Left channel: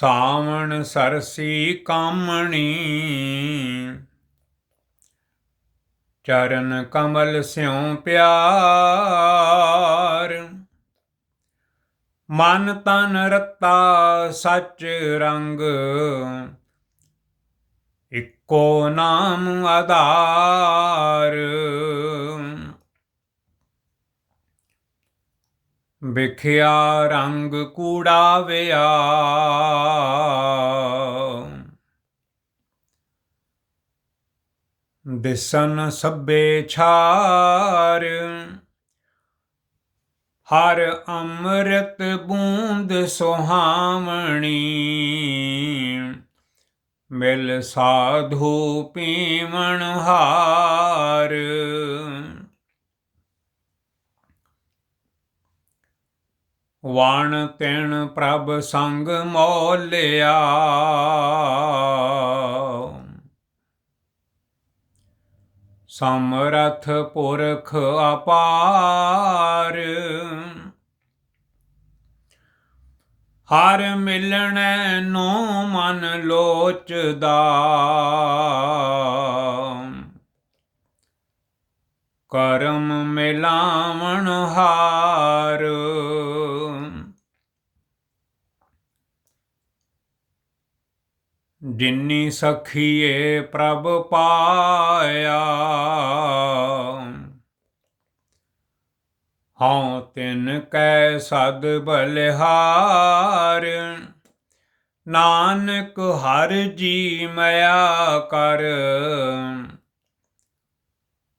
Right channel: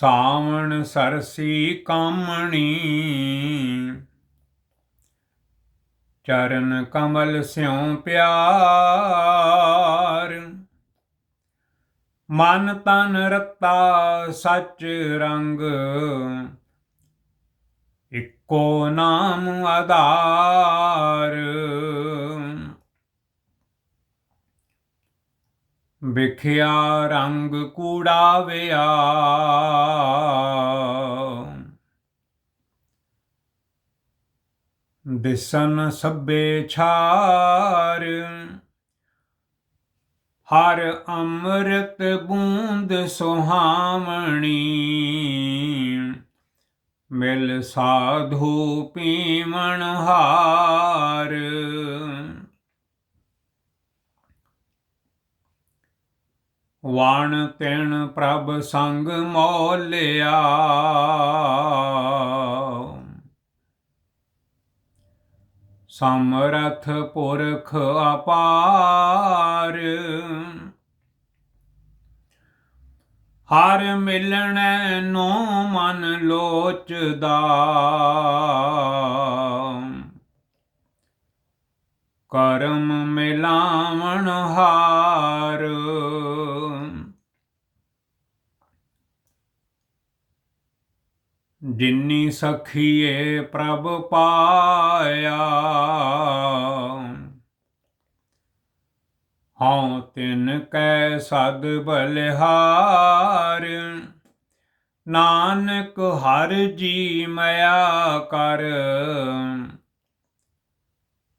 ਸਾਵਣ ਸਰਸੀ ਕਾਮਣੀ। ਚਰਨ ਕਮਲ ਸਿਉ ਪਿਆਰ। ਮਨ ਤਨ ਰਤਾ ਸੱਚ ਰੰਗ। ਇੱਕੋ ਨਾਮ ਆਧਾਰ। ਵਿਖਿਆ ਰੰਗ ਕੂੜਾਵਿਆ। ਦਿਸਨ ਸਭੇ ਛਾਰ ਹਰ ਅੰਮ੍ਰਿਤ ਬੂੰਦ ਸੁਹਾਵਣੀ। ਮਿਲ ਸਾਧੂ ਪੀਵਣ ਹਾਰ। ਵਾਣ ਤਿਣ ਪ੍ਰਭ ਸੰਗ ਮੋਲਿਆ। ਸਮਰਥ ਪੁਰਖ ਅਪਾਰ। ਹਰ ਮਿਲਣੈ ਨੋ ਮਨ ਲੋਚਦਾ। ਕਰਮ ਮਿਲਾਵਣ ਹਾਰ। ਜਿੰਨੀ ਸਖੀਏ ਪ੍ਰਭ ਪਾਇਆ। ਹਉ ਤਿਨ ਕੈ ਸਦ ਬਲਿਹਾਰ, ਨਾਨਕ ਹਰ ਜੀ ਮਇਆ ਕਰ।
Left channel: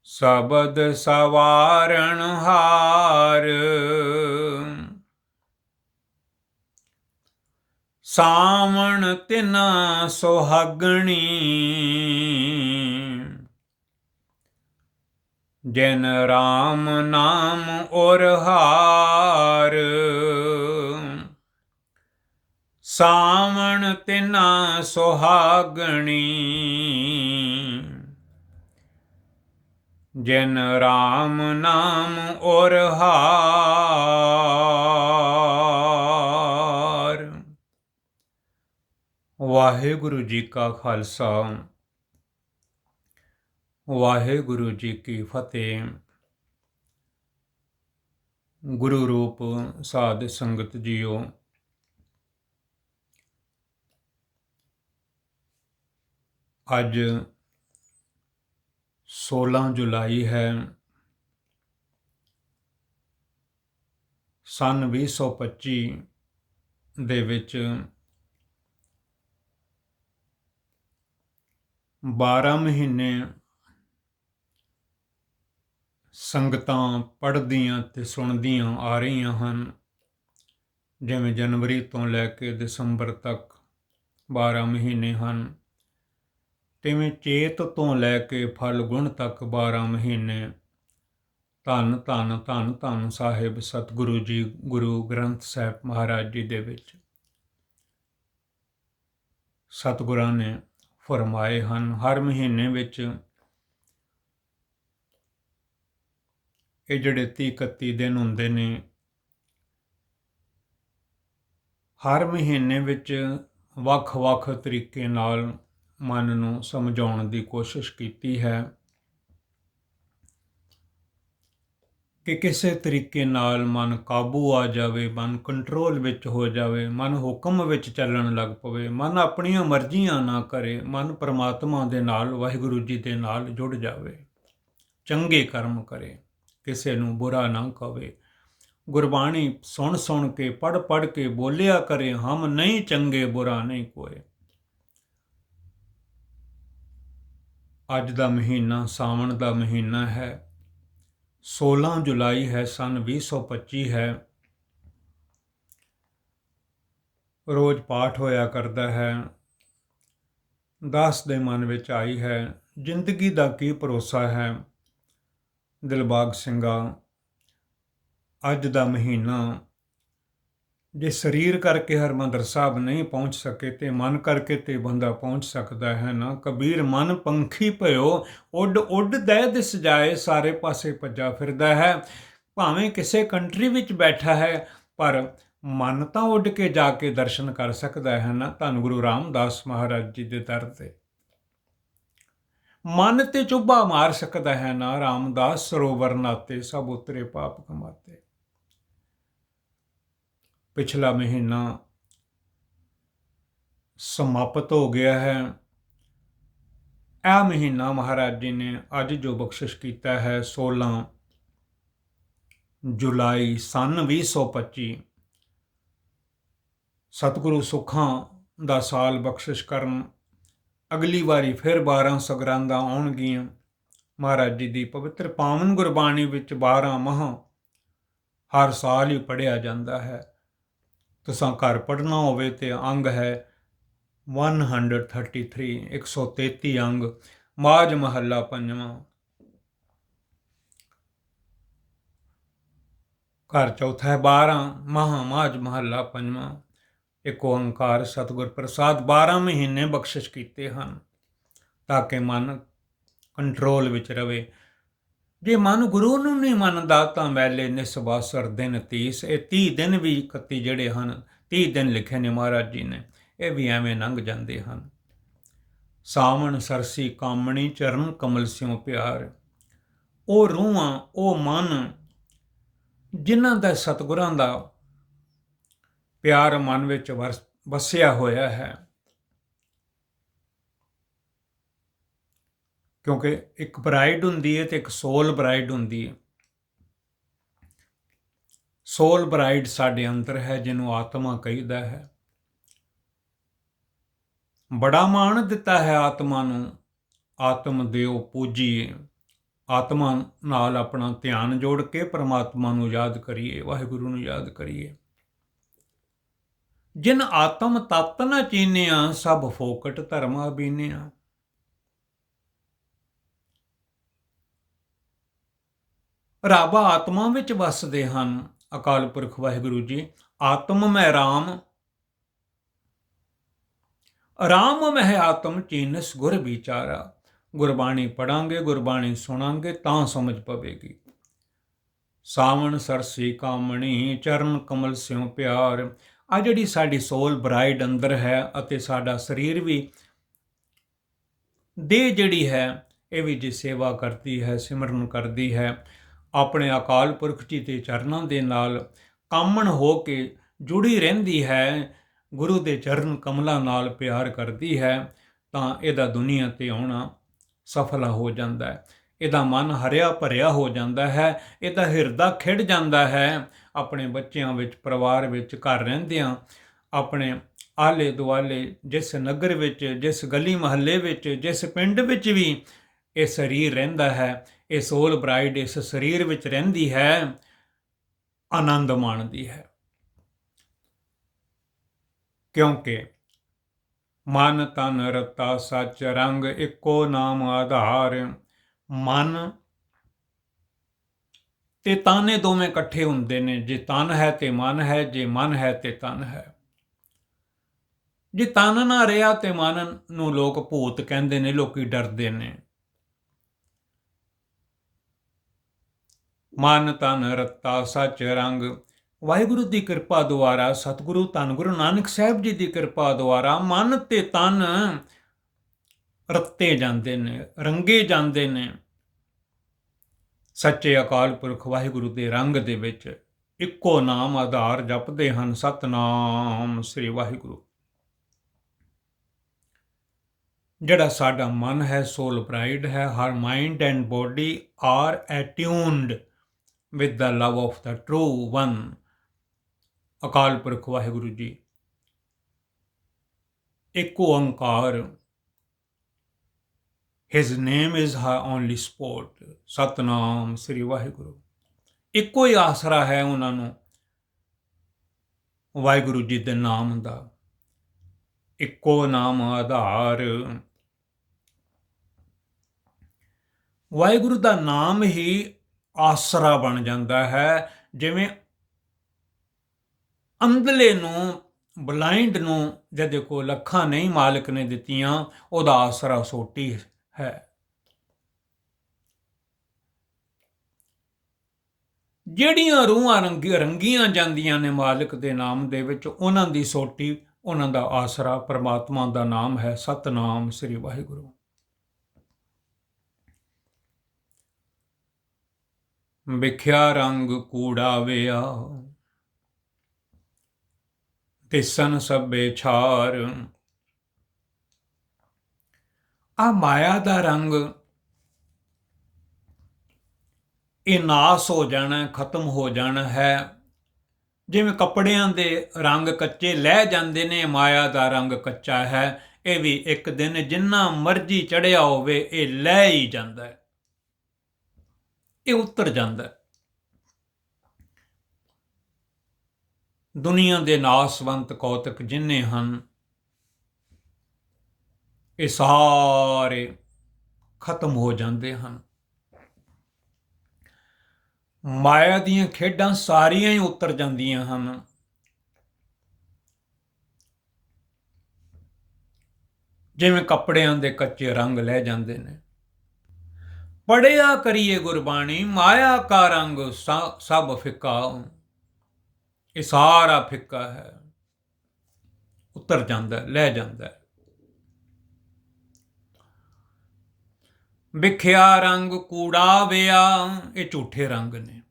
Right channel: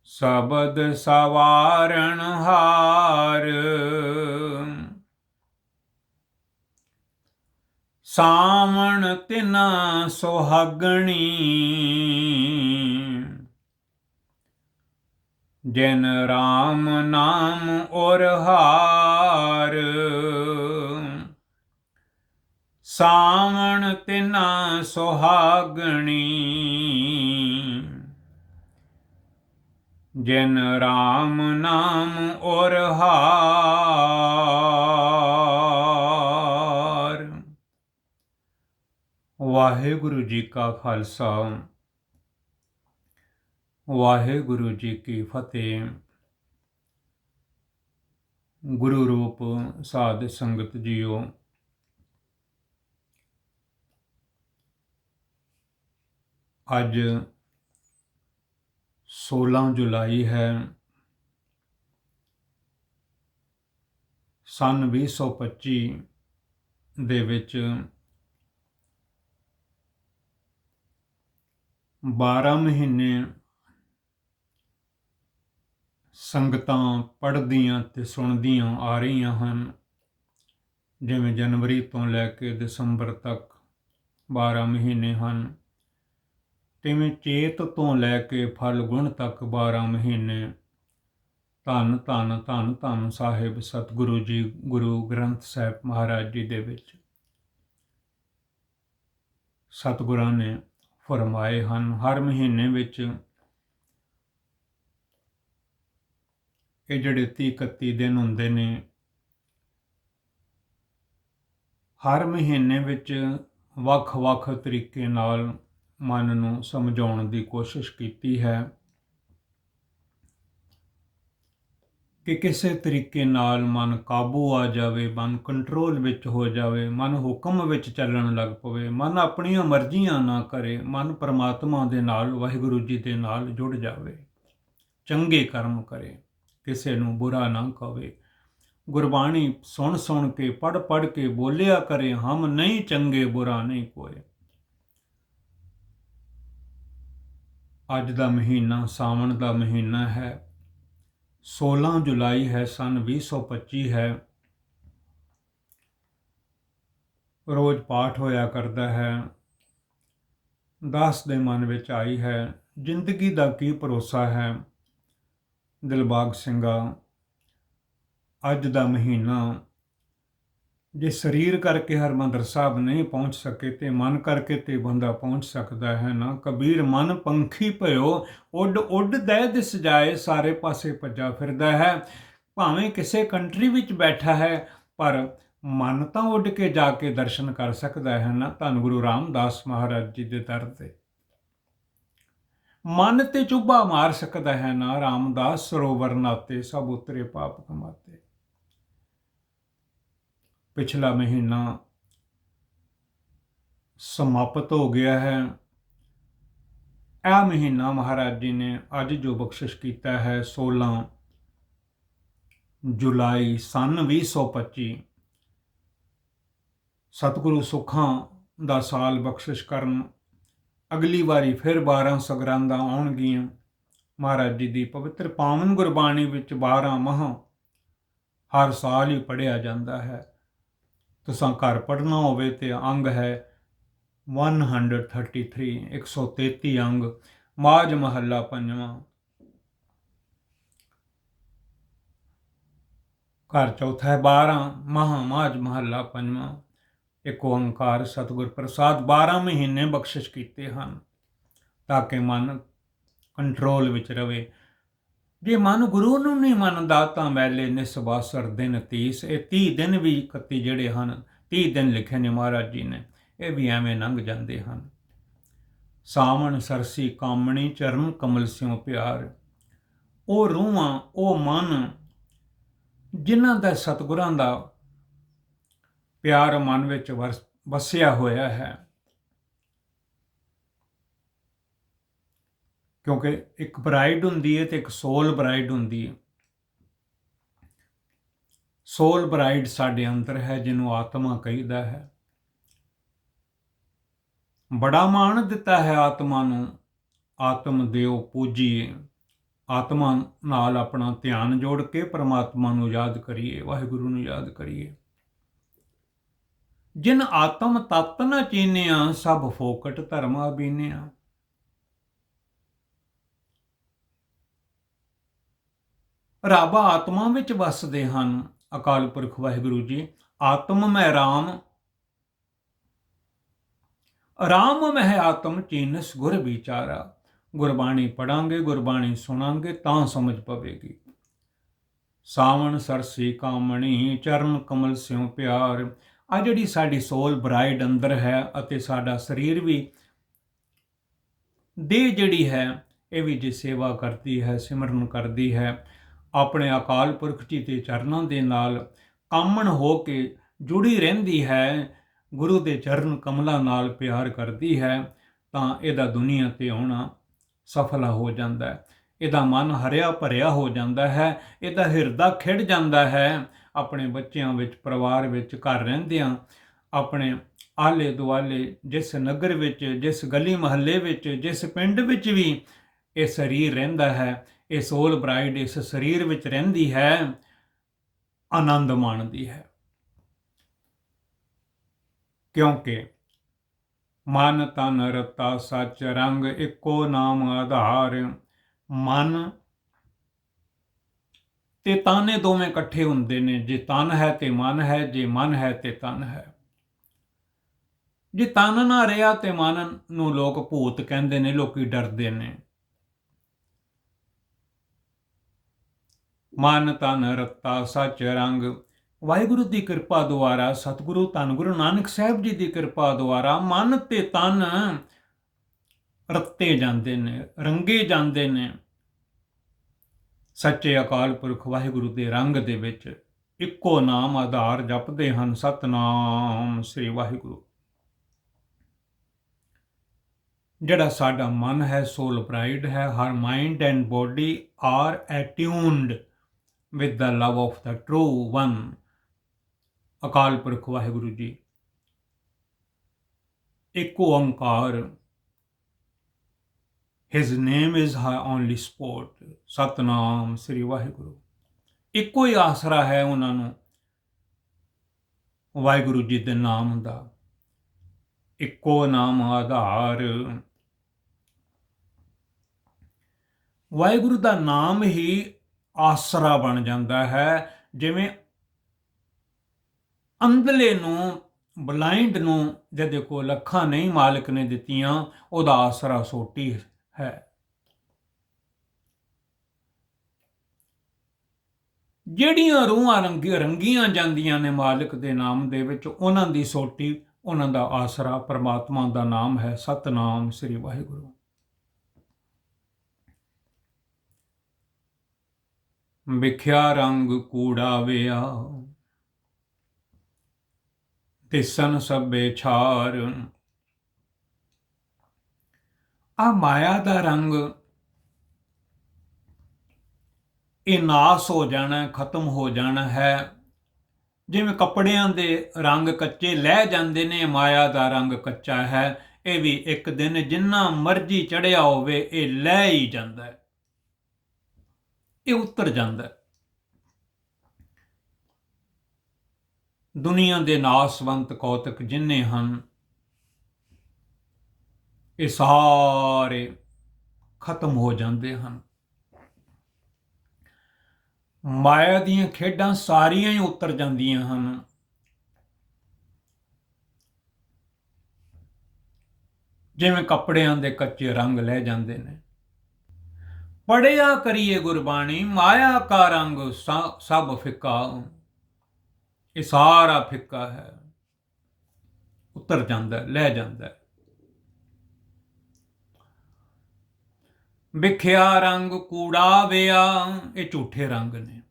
ਸਬਦ ਸਵਾਰਣ ਹਾਰ ਸਾਵਣ ਤਿਨਾ ਸੁਹਾਗਣੀ। ਜਿਨ ਰਾਮ ਨਾਮ ਔਰ ਹਾਰ। ਸਾਵਣ ਤਿਨਾ ਸੁਹਾਗਣੀ। ਜਿਨ ਰਾਮ ਨਾਮ ਔਰ ਹਾਰ। ਵਾਹਿਗੁਰੂ ਜੀ ਕਾ ਖਾਲਸਾ। ਵਾਹਿਗੁਰੂ ਜੀ ਕੀ ਫਤਿਹ। ਗੁਰੂ ਰੂਪ ਸਾਧ ਸੰਗਤ ਜੀਓ। ਅੱਜ 16 ਜੁਲਾਈ ਹੈ। ਸਨ 2025 ਦੇ ਵਿੱਚ 12 ਮਹੀਨੇ ਸੰਗਤਾਂ ਪੜ੍ਹਦੀਆਂ ਤੇ ਸੁਣਦੀਆਂ ਆ ਰਹੀਆਂ ਹਨ। ਜਿਵੇਂ ਜਨਵਰੀ ਤੋਂ ਲੈ ਕੇ ਦਸੰਬਰ ਤੱਕ 12 ਮਹੀਨੇ ਹਨ। ਤਿਵੇਂ ਚੇਤ ਤੋਂ ਲੈ ਕੇ ਫਲਗੁਣ ਤੱਕ 12 ਮਹੀਨੇ। ਧੰਨ ਧੰਨ ਧੰਨ ਧੰਨ ਸਾਹਿਬ ਸਤਿਗੁਰੂ ਜੀ, ਗੁਰੂ ਗ੍ਰੰਥ ਸਾਹਿਬ ਮਹਾਰਾਜ ਜੀ ਦੇ ਵਿੱਚ। ਸਤਿਗੁਰਾਂ ਨੇ ਫਰਮਾਏ ਹਨ, ਹਰ ਮਹੀਨੇ ਵਿੱਚ ਇਹ ਜਿਹੜੇ 30 31 ਦਿਨ ਹੁੰਦੇ ਨੇ, ਹਰ ਮਹੀਨੇ ਵਿੱਚ ਵੱਖ-ਵੱਖ ਤਰੀਕੇ ਨਾਲ ਮਨ ਨੂੰ ਸਮਝਾਉਣ ਦੀ ਕੋਸ਼ਿਸ਼ ਕੀਤੀ ਹੈ। ਕਿ ਕਿਸੇ ਤਰੀਕੇ ਨਾਲ ਮਨ ਕਾਬੂ ਆ ਜਾਵੇ, ਮਨ ਕੰਟਰੋਲ ਵਿੱਚ ਹੋ ਜਾਵੇ, ਮਨ ਹੁਕਮ ਵਿੱਚ ਚੱਲਣ ਲੱਗ ਪਵੇ, ਮਨ ਆਪਣੀਆਂ ਮਰਜ਼ੀਆਂ ਨਾ ਕਰੇ, ਮਨ ਪਰਮਾਤਮਾ ਦੇ ਨਾਲ, ਵਾਹਿਗੁਰੂ ਜੀ ਦੇ ਨਾਲ ਜੁੜ ਜਾਵੇ, ਚੰਗੇ ਕਰਮ ਕਰੇ, ਕਿਸੇ ਨੂੰ ਬੁਰਾ ਨਾ ਕਵੇ। ਗੁਰਬਾਣੀ ਸੁਣ ਸੁਣ ਕੇ ਪੜ ਪੜ ਕੇ ਬੋਲਿਆ ਕਰੇ, ਹਮ ਨਹੀਂ ਚੰਗੇ, ਬੁਰਾ ਨਹੀਂ ਕੋਏ ਅੱਜ ਦਾ ਮਹੀਨਾ ਸਾਵਣ ਦਾ ਮਹੀਨਾ ਹੈ। 16 ਜੁਲਾਈ ਹੈ, ਸਨ 2025 ਹੈ। ਰੋਜ਼ ਪਾਠ ਹੋਇਆ ਕਰਦਾ ਹੈ। ਦਾਸ ਦੇ ਮਨ ਵਿੱਚ ਆਈ ਹੈ, ਜ਼ਿੰਦਗੀ ਦਾ ਕੀ ਭਰੋਸਾ ਹੈ? ਦਿਲਬਾਗ ਸਿੰਘਾ, ਅੱਜ ਦਾ ਮਹੀਨਾ ਜੇ ਸਰੀਰ ਕਰਕੇ ਹਰਮੰਦਰ ਸਾਹਿਬ ਨਹੀਂ ਪਹੁੰਚ ਸਕੇ ਤੇ ਮਨ ਕਰਕੇ ਤੇ ਬੰਦਾ ਪਹੁੰਚ ਸਕਦਾ ਹੈ ਨਾ। ਕਬੀਰ ਮਨ ਪੰਖੀ ਭਇਓ, ਉੱਡ ਉੱਡ ਦੇ ਦਿਸ ਜਾਏ, ਸਾਰੇ ਪਾਸੇ ਭੱਜਾ ਫਿਰਦਾ ਹੈ। ਭਾਵੇਂ ਕਿਸੇ ਕੰਟਰੀ ਵਿੱਚ ਬੈਠਾ ਹੈ, ਪਰ ਮਨ ਤਾਂ ਉੱਡ ਕੇ ਜਾ ਕੇ ਦਰਸ਼ਨ ਕਰ ਸਕਦਾ ਹੈ ਨਾ। ਧੰਨ ਗੁਰੂ ਰਾਮਦਾਸ ਮਹਾਰਾਜ ਜੀ ਦੇ ਦਰ ਤੇ। ਮਨ ਤੇ ਚੁੱਭਾ ਮਾਰ ਸਕਦਾ ਹੈ ਨਾ, ਰਾਮਦਾਸ ਸਰੋਵਰ ਨਾਤੇ ਸਭ ਉਤਰੇ ਪਾਪ ਕਮਾਤੇ। ਪਿਛਲਾ ਮਹੀਨਾ ਸਮਾਪਤ ਹੋ ਗਿਆ ਹੈ। ਇਹ ਮਹੀਨਾ ਮਹਾਰਾਜ ਜੀ ਨੇ ਅੱਜ ਜੋ ਬਖਸ਼ਿਸ਼ ਕੀਤਾ ਹੈ 16 ਜੁਲਾਈ ਸਨ 2025 ਸਤਿਗੁਰੂ ਸੁਖਾਂ ਦਾ ਸਾਲ ਬਖਸ਼ਿਸ਼ ਕਰਨ ਅਗਲੀ ਵਾਰੀ ਫਿਰ 12 ਸਗਰਾਂਦਾਂ ਆਉਣਗੀਆਂ। ਮਹਾਰਾਜ ਜੀ ਦੀ ਪਵਿੱਤਰ ਪਾਵਨ ਗੁਰਬਾਣੀ ਵਿੱਚ 12 ਮਹ ਹਰ ਸਾਲ ਹੀ ਪੜਿਆ ਜਾਂਦਾ ਹੈ। ਤੁਸੀਂ ਘਰ ਪੜਨਾ ਹੋਵੇ ਤੇ ਅੰਗ ਹੈ 133 133 ਅੰਗ ਮਾਜ ਮਹੱਲਾ ਪੰਜਵਾਂ। ਘਰ ਚੌਥਾ ਹੈ 12 ਮਹਾ ਮਾਜ ਮਹੱਲਾ ਪੰਜਵਾਂ। ਇੱਕ ਓੰਕਾਰ ਸਤਿਗੁਰ ਪ੍ਰਸਾਦ 12 ਮਹੀਨੇ ਬਖਸ਼ਿਸ਼ ਕੀਤੇ ਹਨ, ਤਾਂ ਕਿ ਮਨ ਕੰਟਰੋਲ ਵਿੱਚ ਰਵੇ। ਜੇ ਮਨ ਗੁਰੂ ਨੂੰ ਨਹੀਂ ਮੰਨਦਾ, ਤਾਂ ਮੈਲੇ ਨਿਸਵਾਸਰ ਦਿਨ 30 ਇਹ 30 ਦਿਨ ਵੀ 31 ਜਿਹੜੇ ਹਨ 30 ਦਿਨ ਲਿਖੇ ਨੇ ਮਹਾਰਾਜ ਜੀ ਨੇ, ਇਹ ਵੀ ਐਵੇਂ ਲੰਘ ਜਾਂਦੇ ਹਨ। ਸਾਵਣ ਸਰਸੀ ਕਾਮਣੀ, ਚਰਨ ਕਮਲ ਸਿਉ ਪਿਆਰ। ਉਹ ਰੂਹਾਂ, ਉਹ ਮਨ, ਜਿਨ੍ਹਾਂ ਦਾ ਸਤਿਗੁਰਾਂ ਦਾ ਪਿਆਰ ਮਨ ਵਿੱਚ ਵਸ- ਵਸਿਆ ਹੋਇਆ ਹੈ। ਕਿਉਂਕਿ ਇੱਕ ਬ੍ਰਾਈਡ ਹੁੰਦੀ ਹੈ ਤੇ ਇੱਕ ਸੋਲ ਬ੍ਰਾਈਡ ਹੁੰਦੀ ਹੈ ਸੋਲ ਬ੍ਰਾਈਡ ਸਾਡੇ ਅੰਦਰ ਹੈ, ਜਿਹਨੂੰ ਆਤਮਾ ਕਹਿੰਦਾ ਹੈ। ਬੜਾ ਮਾਣ ਦਿੱਤਾ ਹੈ ਆਤਮਾ ਨੂੰ। ਆਤਮ ਦੇਵ ਪੂਜੀਏ। ਆਤਮਾ ਨਾਲ ਆਪਣਾ ਧਿਆਨ ਜੋੜ ਕੇ ਪਰਮਾਤਮਾ ਨੂੰ ਯਾਦ ਕਰੀਏ, ਵਾਹਿਗੁਰੂ ਨੂੰ ਯਾਦ ਕਰੀਏ। ਜਿਨ ਆਤਮ ਤਤ ਨ ਚੀਨਿਆ, ਸਭ ਫੋਕਟ ਧਰਮਾ ਬੀਨਿਆ। ਰੱਬ ਆਤਮਾ ਵਿੱਚ ਵਸਦੇ ਹਨ। ਅਕਾਲ ਪੁਰਖ ਵਾਹਿਗੁਰੂ ਜੀ, ਆਤਮ ਮੈਂ ਰਾਮ। ਰਾਮ ਮਹਿ ਆਤਮ ਚੀਨਸ ਗੁਰ ਵਿਚਾਰਾ। ਗੁਰਬਾਣੀ ਪੜਾਂਗੇ, ਗੁਰਬਾਣੀ ਸੁਣਾਂਗੇ, ਤਾਂ ਸਮਝ ਪਵੇਗੀ। ਸਾਵਣ ਸਰਸੀ ਕਾਮਣੀ, ਚਰਨ ਕਮਲ ਸਿਉ ਪਿਆਰ। ਆ ਜਿਹੜੀ ਸਾਡੀ ਸੋਲ ਬ੍ਰਾਈਡ ਅੰਦਰ ਹੈ ਅਤੇ ਸਾਡਾ ਸਰੀਰ ਵੀ ਦੇ ਜਿਹੜੀ ਹੈ, ਇਹ ਵੀ ਜੇ ਸੇਵਾ ਕਰਦੀ ਹੈ, ਸਿਮਰਨ ਕਰਦੀ ਹੈ ਆਪਣੇ ਅਕਾਲ ਪੁਰਖ ਜੀ ਦੇ ਚਰਨਾਂ ਦੇ ਨਾਲ ਕਾਮਣ ਹੋ ਕੇ ਜੁੜੀ ਰਹਿੰਦੀ ਹੈ, ਗੁਰੂ ਦੇ ਚਰਨ ਕਮਲਾਂ ਨਾਲ ਪਿਆਰ ਕਰਦੀ ਹੈ, ਤਾਂ ਇਹਦਾ ਦੁਨੀਆ ਤੇ ਆਉਣਾ ਸਫਲ ਹੋ ਜਾਂਦਾ ਹੈ। ਇਹਦਾ ਮਨ ਹਰਿਆ ਭਰਿਆ ਹੋ ਜਾਂਦਾ ਹੈ, ਇਹਦਾ ਹਿਰਦਾ ਖਿੜ ਜਾਂਦਾ ਹੈ। ਆਪਣੇ ਬੱਚਿਆਂ ਵਿੱਚ, ਪਰਿਵਾਰ ਵਿੱਚ, ਘਰ ਰਹਿੰਦਿਆਂ ਆਪਣੇ ਆਲੇ ਦੁਆਲੇ ਜਿਸ ਨਗਰ ਵਿੱਚ, ਜਿਸ ਗਲੀ ਮਹੱਲੇ ਵਿੱਚ, ਜਿਸ ਪਿੰਡ ਵਿੱਚ ਵੀ ਇਹ ਸਰੀਰ ਰਹਿੰਦਾ ਹੈ। ਇਹ ਸੋਲ ਬ੍ਰਾਈਡ ਇਸ ਸਰੀਰ ਵਿੱਚ ਰਹਿੰਦੀ ਹੈ, ਆਨੰਦ ਮਾਣਦੀ ਹੈ। ਕਿਉਂਕਿ ਮਨ ਤਨ ਰਤਾ ਸੱਚ ਰੰਗ ਇੱਕੋ ਨਾਮ ਆਧਾਰ, ਮਨ ਤੇ ਤਾਨੇ ਦੋਵੇਂ ਇਕੱਠੇ ਹੁੰਦੇ ਨੇ, ਜੇ ਤਨ ਹੈ ਤੇ ਮਨ ਹੈ, ਜੇ ਮਨ ਹੈ ਤੇ ਤਨ ਹੈ। ਜੇ ਤਨ ਨਾ ਰਿਹਾ ਤੇ ਮਨ ਨੂੰ ਲੋਕ ਭੂਤ ਕਹਿੰਦੇ ਨੇ, ਲੋਕੀ ਡਰਦੇ ਨੇ। ਮਨ ਤਨ ਰਤਾ ਸੱਚ ਰੰਗ। ਵਾਹਿਗੁਰੂ ਦੀ ਕਿਰਪਾ ਦੁਆਰਾ, ਸਤਿਗੁਰੂ ਧੰਨ ਗੁਰੂ ਨਾਨਕ ਸਾਹਿਬ ਜੀ ਦੀ ਕਿਰਪਾ ਦੁਆਰਾ ਮਨ ਤੇ ਤਨ ਰੱਤੇ ਜਾਂਦੇ ਨੇ, ਰੰਗੇ ਜਾਂਦੇ ਨੇ। ਸੱਚੇ ਅਕਾਲ ਪੁਰਖ ਵਾਹਿਗੁਰੂ ਦੇ ਰੰਗ ਦੇ ਵਿੱਚ ਇੱਕੋ ਨਾਮ ਆਧਾਰ ਜਪਦੇ ਹਨ ਸਤਨਾਮ ਸ੍ਰੀ ਵਾਹਿਗੁਰੂ। ਜਿਹੜਾ ਸਾਡਾ ਮਨ ਹੈ ਸੋਲ ਪ੍ਰਾਈਡ ਹੈ her mind and body are attuned with the love of the true one, Akal Purakh Waheguru ji. Ik Onkar his name is her only support Satnam Sri Waheguru. ਇੱਕੋ ਹੀ ਆਸਰਾ ਹੈ ਉਹਨਾਂ ਨੂੰ, ਵਾਹਿਗੁਰੂ ਜੀ ਦੇ ਨਾਮ ਦਾ। ਇੱਕੋ ਨਾਮ ਆਧਾਰ। ਵਾਹਿਗੁਰੂ ਦਾ ਨਾਮ ਹੀ ਆਸਰਾ ਬਣ ਜਾਂਦਾ ਹੈ। ਜਿਵੇਂ ਅੰਧਲੇ ਨੂੰ ਬਲਾਈਂਡ ਨੂੰ ਜੇ ਕੋਲ ਲੱਖਾਂ ਨਹੀਂ, ਮਾਲਕ ਨੇ ਦਿੱਤੀਆਂ, ਉਹਦਾ ਆਸਰਾ ਸੋਟੀ ਹੈ। ਜਿਹੜੀਆਂ ਰੂਹਾਂ ਰੰਗੀ, ਰੰਗੀਆਂ ਜਾਂਦੀਆਂ ਨੇ ਮਾਲਕ ਦੇ ਨਾਮ ਦੇ ਵਿੱਚ, ਉਹਨਾਂ ਦੀ ਸੋਟੀ, ਉਹਨਾਂ ਦਾ ਆਸਰਾ ਪਰਮਾਤਮਾ ਦਾ ਨਾਮ ਹੈ। ਸਤਨਾਮ ਸ੍ਰੀ ਵਾਹਿਗੁਰੂ। ਵਿਖਿਆ ਰੰਗ ਕੂੜਾ ਵਿਆ। ਤਿਸਨ ਸਭੇ ਛਾਰ। ਆ ਮਾਇਆ ਦਾ ਰੰਗ ਇਹ ਨਾਸ ਹੋ ਜਾਣਾ, ਖਤਮ ਹੋ ਜਾਣਾ ਹੈ। ਜਿਵੇਂ ਕੱਪੜਿਆਂ ਦੇ ਰੰਗ ਕੱਚੇ ਲੈ ਜਾਂਦੇ ਨੇ, ਮਾਇਆ ਦਾ ਰੰਗ ਕੱਚਾ ਹੈ। ਇਹ ਵੀ ਇੱਕ ਦਿਨ ਜਿੰਨਾ ਮਰਜ਼ੀ ਚੜਿਆ ਹੋਵੇ, ਇਹ ਲੈ ਹੀ ਜਾਂਦਾ ਹੈ। ਇਹ ਉਤਰ ਜਾਂਦਾ ਹੈ। ਦੁਨੀਆ ਦੇ ਨਾਸਵੰਤ ਕੌਤਕ ਜਿੰਨੇ ਹਨ, ਇਹ ਸਾਰੇ ਖਤਮ ਹੋ ਜਾਂਦੇ ਹਨ। ਮਾਇਆ ਦੀਆਂ ਖੇਡਾਂ ਸਾਰੀਆਂ ਹੀ ਉਤਰ ਜਾਂਦੀਆਂ ਹਨ। ਜਿਵੇਂ ਕੱਪੜਿਆਂ ਦੇ ਕੱਚੇ ਰੰਗ ਲੈ ਜਾਂਦੇ ਨੇ। ਪੜਿਆ ਕਰੀਏ ਗੁਰਬਾਣੀ, ਮਾਇਆ ਕਾ ਰੰਗ ਸਭ ਫਿੱਕਾ ਇਹ ਸਾਰਾ ਫਿੱਕਾ ਹੈ। ਉਤਰ ਜਾਂਦਾ ਲੈ ਜਾਂਦਾ ਵਿਖਿਆ ਰੰਗ ਕੂੜਾ ਵਿਆ ਇਹ ਝੂਠੇ ਰੰਗ ਨੇ।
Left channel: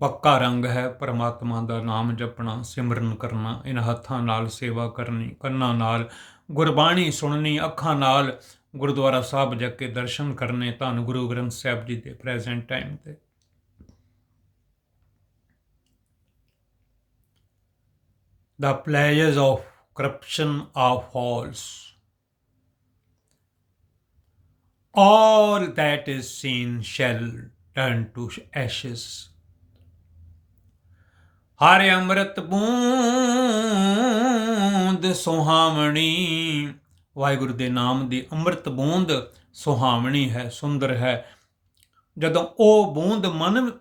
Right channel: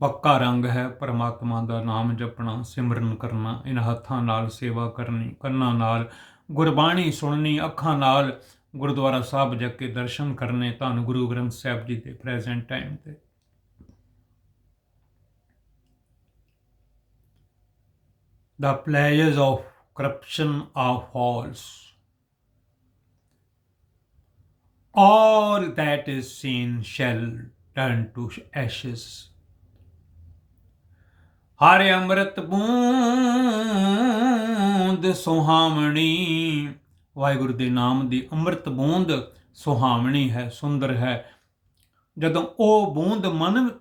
ਪੱਕਾ ਰੰਗ ਹੈ, ਪਰਮਾਤਮਾ ਦਾ ਨਾਮ ਜਪਣਾ, ਸਿਮਰਨ ਕਰਨਾ, ਇਹਨਾਂ ਹੱਥਾਂ ਨਾਲ ਸੇਵਾ ਕਰਨੀ, ਕੰਨਾਂ ਨਾਲ ਗੁਰਬਾਣੀ ਸੁਣਨੀ, ਅੱਖਾਂ ਨਾਲ ਗੁਰਦੁਆਰਾ ਸਾਹਿਬ ਜਾ ਕੇ ਦਰਸ਼ਨ ਕਰਨੇ ਧੰਨ ਗੁਰੂ ਗ੍ਰੰਥ ਸਾਹਿਬ ਜੀ ਦੇ ਪ੍ਰੈਜ਼ੈਂਟ ਟਾਈਮ ਤੇ the pleasures of corruption are false all that is seen shall turn to ashes ਹਰ ਅੰਮ੍ਰਿਤ ਬੂੰਦ ਸੁਹਾਵਣੀ ਵਾਹਿਗੁਰੂ ਦੇ ਨਾਮ ਦੀ ਅੰਮ੍ਰਿਤ ਬੂੰਦ ਸੁਹਾਵਣੀ ਹੈ, ਸੁੰਦਰ ਹੈ। ਜਦੋਂ ਉਹ ਬੂੰਦ ਮਨ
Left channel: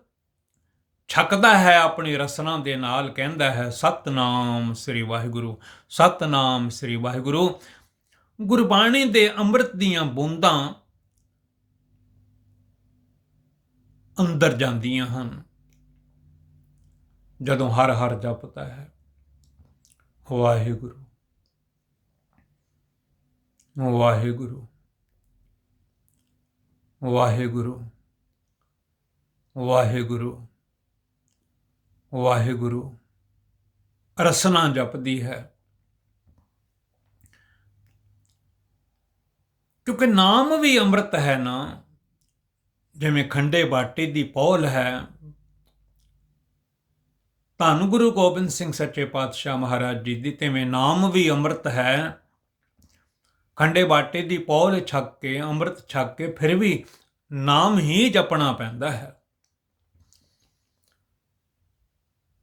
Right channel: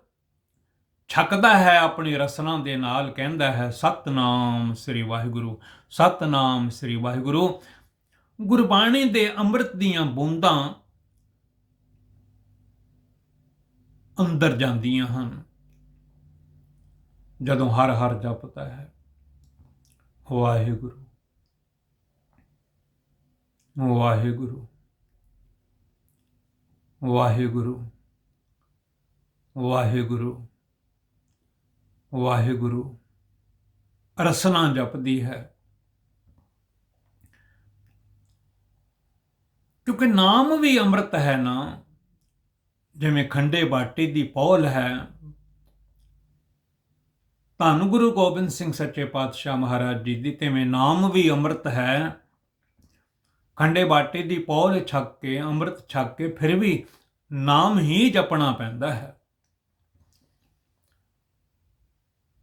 ਛਕਦਾ ਹੈ, ਆਪਣੀ ਰਸਨਾ ਦੇ ਨਾਲ ਕਹਿੰਦਾ ਹੈ, ਸਤਨਾਮ ਸ੍ਰੀ ਵਾਹਿਗੁਰੂ, ਸਤਨਾਮ ਸ੍ਰੀ ਵਾਹਿਗੁਰੂ। ਗੁਰਬਾਣੀ ਦੇ ਅੰਮ੍ਰਿਤ ਦੀਆਂ ਬੂੰਦਾਂ ਅੰਦਰ ਜਾਂਦੀਆਂ ਹਨ। ਜਦੋਂ ਹਰ ਹਰ ਜਪਦਾ ਹੈ, ਵਾਹਿਗੁਰੂ। ਵਾਹਿਗੁਰੂ ਵਾਹਿਗੁਰੂ ਵਾਹਿਗੁਰੂ ਵਾਹਿਗੁਰੂ। ਰਸਨਾ ਜਪਦੀ ਹੈ। ਕਿਉਂਕਿ ਨਾਮ ਵੀ ਅੰਮ੍ਰਿਤ ਹੈ ਨਾ, ਜਿਵੇਂ ਖੰਡੇ ਬਾਟੇ ਦੀ ਪੌਲ ਹੈ, ਧੰਨ ਗੁਰੂ ਗੋਬਿੰਦ ਸਿੰਘ ਸੱਚੇ ਪਾਤਸ਼ਾਹ ਮਹਾਰਾਜ ਜੀ ਦੀ, ਤਿਵੇਂ ਨਾਮ ਵੀ ਅੰਮ੍ਰਿਤ ਹੈ। ਖੰਡੇ ਬਾਟੇ ਦੀ ਪੌਲ ਛੱਕ ਕੇ, ਅੰਮ੍ਰਿਤ ਛੱਕ ਕੇ, ਫਿਰ ਵੀ ਨਾਮ ਹੀ ਜਪਣਾ ਪੈਂਦਾ ਹੈ।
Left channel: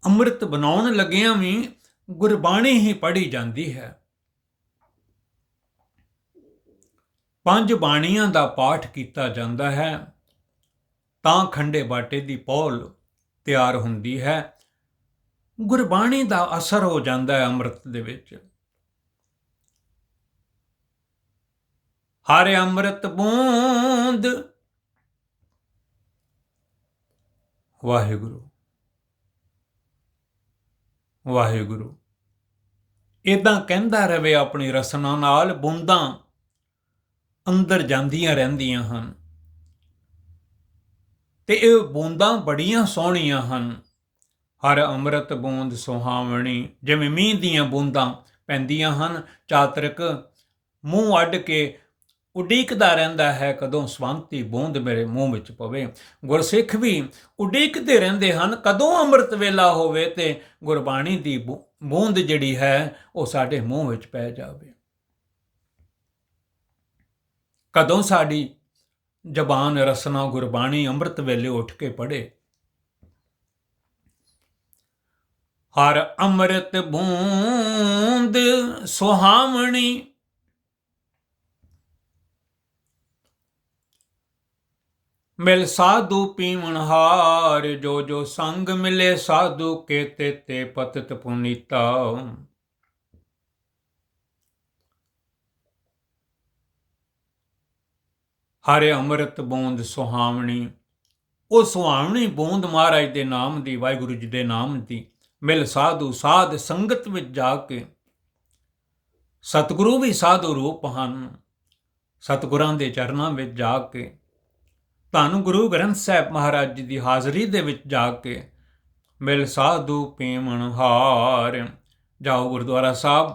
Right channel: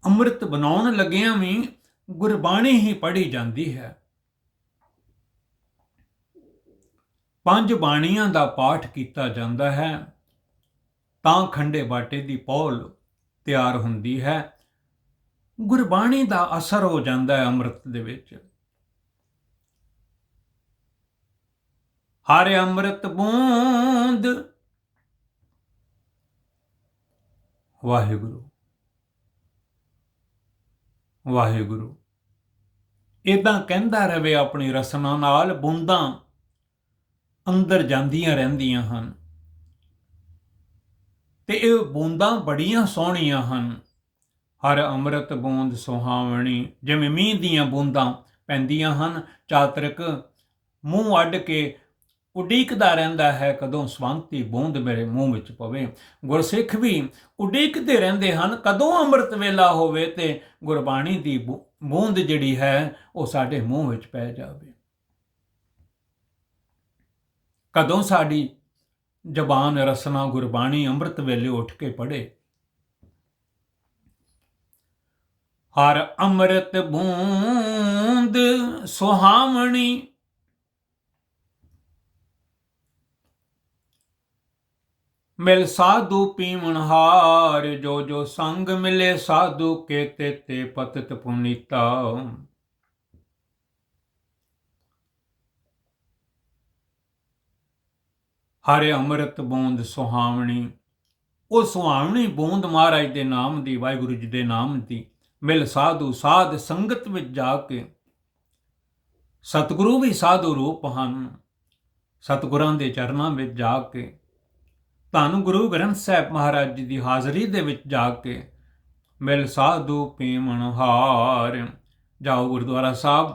ਅੰਮ੍ਰਿਤ ਬਣਾਉਣ ਲੱਗਿਆਂ ਵੀ ਗੁਰਬਾਣੀ ਹੀ ਪੜ੍ਹੀ ਜਾਂਦੀ ਹੈ। ਪੰਜ ਬਾਣੀਆਂ ਦਾ ਪਾਠ ਕੀਤਾ ਜਾਂਦਾ ਹੈ। ਤਾਂ ਖੰਡੇ ਬਾਟੇ ਦੀ ਪੌਲ ਤਿਆਰ ਹੁੰਦੀ ਹੈ। ਗੁਰਬਾਣੀ ਦਾ ਅਸਰ ਹੋ ਜਾਂਦਾ ਹੈ ਅੰਮ੍ਰਿਤ ਦੇ ਵਿੱਚ। ਹਰ ਅੰਮ੍ਰਿਤ ਬੂੰਦ। ਵਾਹਿਗੁਰੂ। ਵਾਹਿਗੁਰੂ। ਇਦਾਂ ਕਹਿੰਦਾ ਰਵੇ ਆਪਣੀ ਰਸਨਾ ਨਾਲ ਬੂੰਦਾਂ ਅੰਦਰ ਜਾਂਦੀਆਂ ਰਹਿੰਦੀਆਂ ਹਨ। ਤੇ ਇਹ ਬੂੰਦਾਂ ਬੜੀਆਂ ਸੋਹਣੀਆਂ ਹਨ। ਹਰ ਅੰਮ੍ਰਿਤ ਬੂੰਦ ਸੁਹਾਵਣੀ, ਜਿਵੇਂ ਮੀਂਹ ਦੀਆਂ ਬੂੰਦਾਂ ਪੈਂਦੀਆਂ ਹਨ, ਚਾਤਰਕ ਮੂੰਹ ਅੱਡ ਕੇ ਉਡੀਕਦਾ ਰਹਿੰਦਾ ਹੈ, ਕਦੋਂ ਸਵੰਤੀ ਬੂੰਦ ਮੇਰੇ ਮੂੰਹ ਵਿੱਚ ਪਵੇ। ਗੁਰਸਿੱਖ ਵੀ ਉਡੀਕਦੇ ਰਹਿੰਦੇ ਹਨ, ਕਦੋਂ ਅੰਮ੍ਰਿਤ ਵੇਲਾ ਹੋਵੇ ਤੇ ਗੁਰਬਾਣੀ ਦੀ ਬੂੰਦ ਜਿਹੜੀ ਹੈ, ਉਹ ਸਾਡੇ ਮੂੰਹ ਵਿੱਚ ਪੈ ਜਾਵੇ। ਕਦੋਂ ਸਾਡੀ ਜ਼ਬਾਨ ਰਸਨਾ ਗੁਰਬਾਣੀ ਅੰਮ੍ਰਿਤ ਵੇਲੇ ਉੱਠ ਕੇ ਪੜੇ ਹਰ ਅੰਮ੍ਰਿਤ ਬੂੰਦ ਸੁਹਾਵਣੀ ਮਿਲ ਸਾਧੂ ਪੀਵਣ ਹਾਰ, ਜੋ ਜੋ ਸੰਗ ਮਿਲੇ ਸਾਧੂ ਕੇ ਤੇ ਤੇ ਪਤਿਤ ਪੁਨੀਤਾ। ਹਰੇ ਅੰਮ੍ਰਿਤ ਬੂੰਦ ਸੁਹਾਵਣੀ, ਉਹ ਸੁਹਾਵਣੀ ਬੂੰਦ ਮਹਾਰਾਜ ਦੇ ਨਾਮ ਦੀ, ਵਾਹਿਗੁਰੂ ਜੀ ਦੇ ਨਾਮ ਦੀ, ਮਿਲ ਸਾਧੂ ਸਾਧ ਸੰਗਤ ਵਿੱਚ ਜਾ ਕੇ। ਸਤਿਗੁਰੂ ਵੀ ਸਾਧੂ ਰੂਪ ਹਨ, ਸਤਿਗੁਰਾਂ ਦੇ ਚਰਨਾਂ ਵਿੱਚ ਜਾ ਕੇ। ਤੁਹਾਨੂੰ ਗੁਰੂ ਗ੍ਰੰਥ ਸਾਹਿਬ ਮਹਾਰਾਜ ਜੀ ਦੀ ਹਾਜ਼ਰੀ ਦੇ ਵਿੱਚ ਜਾ ਕੇ ਮਿਲ ਸਾਧੂ ਪੀਮਣ ਹਾਰ। ਜਾਓ ਗੁਰਦੁਆਰਾ ਸਾਹਿਬ,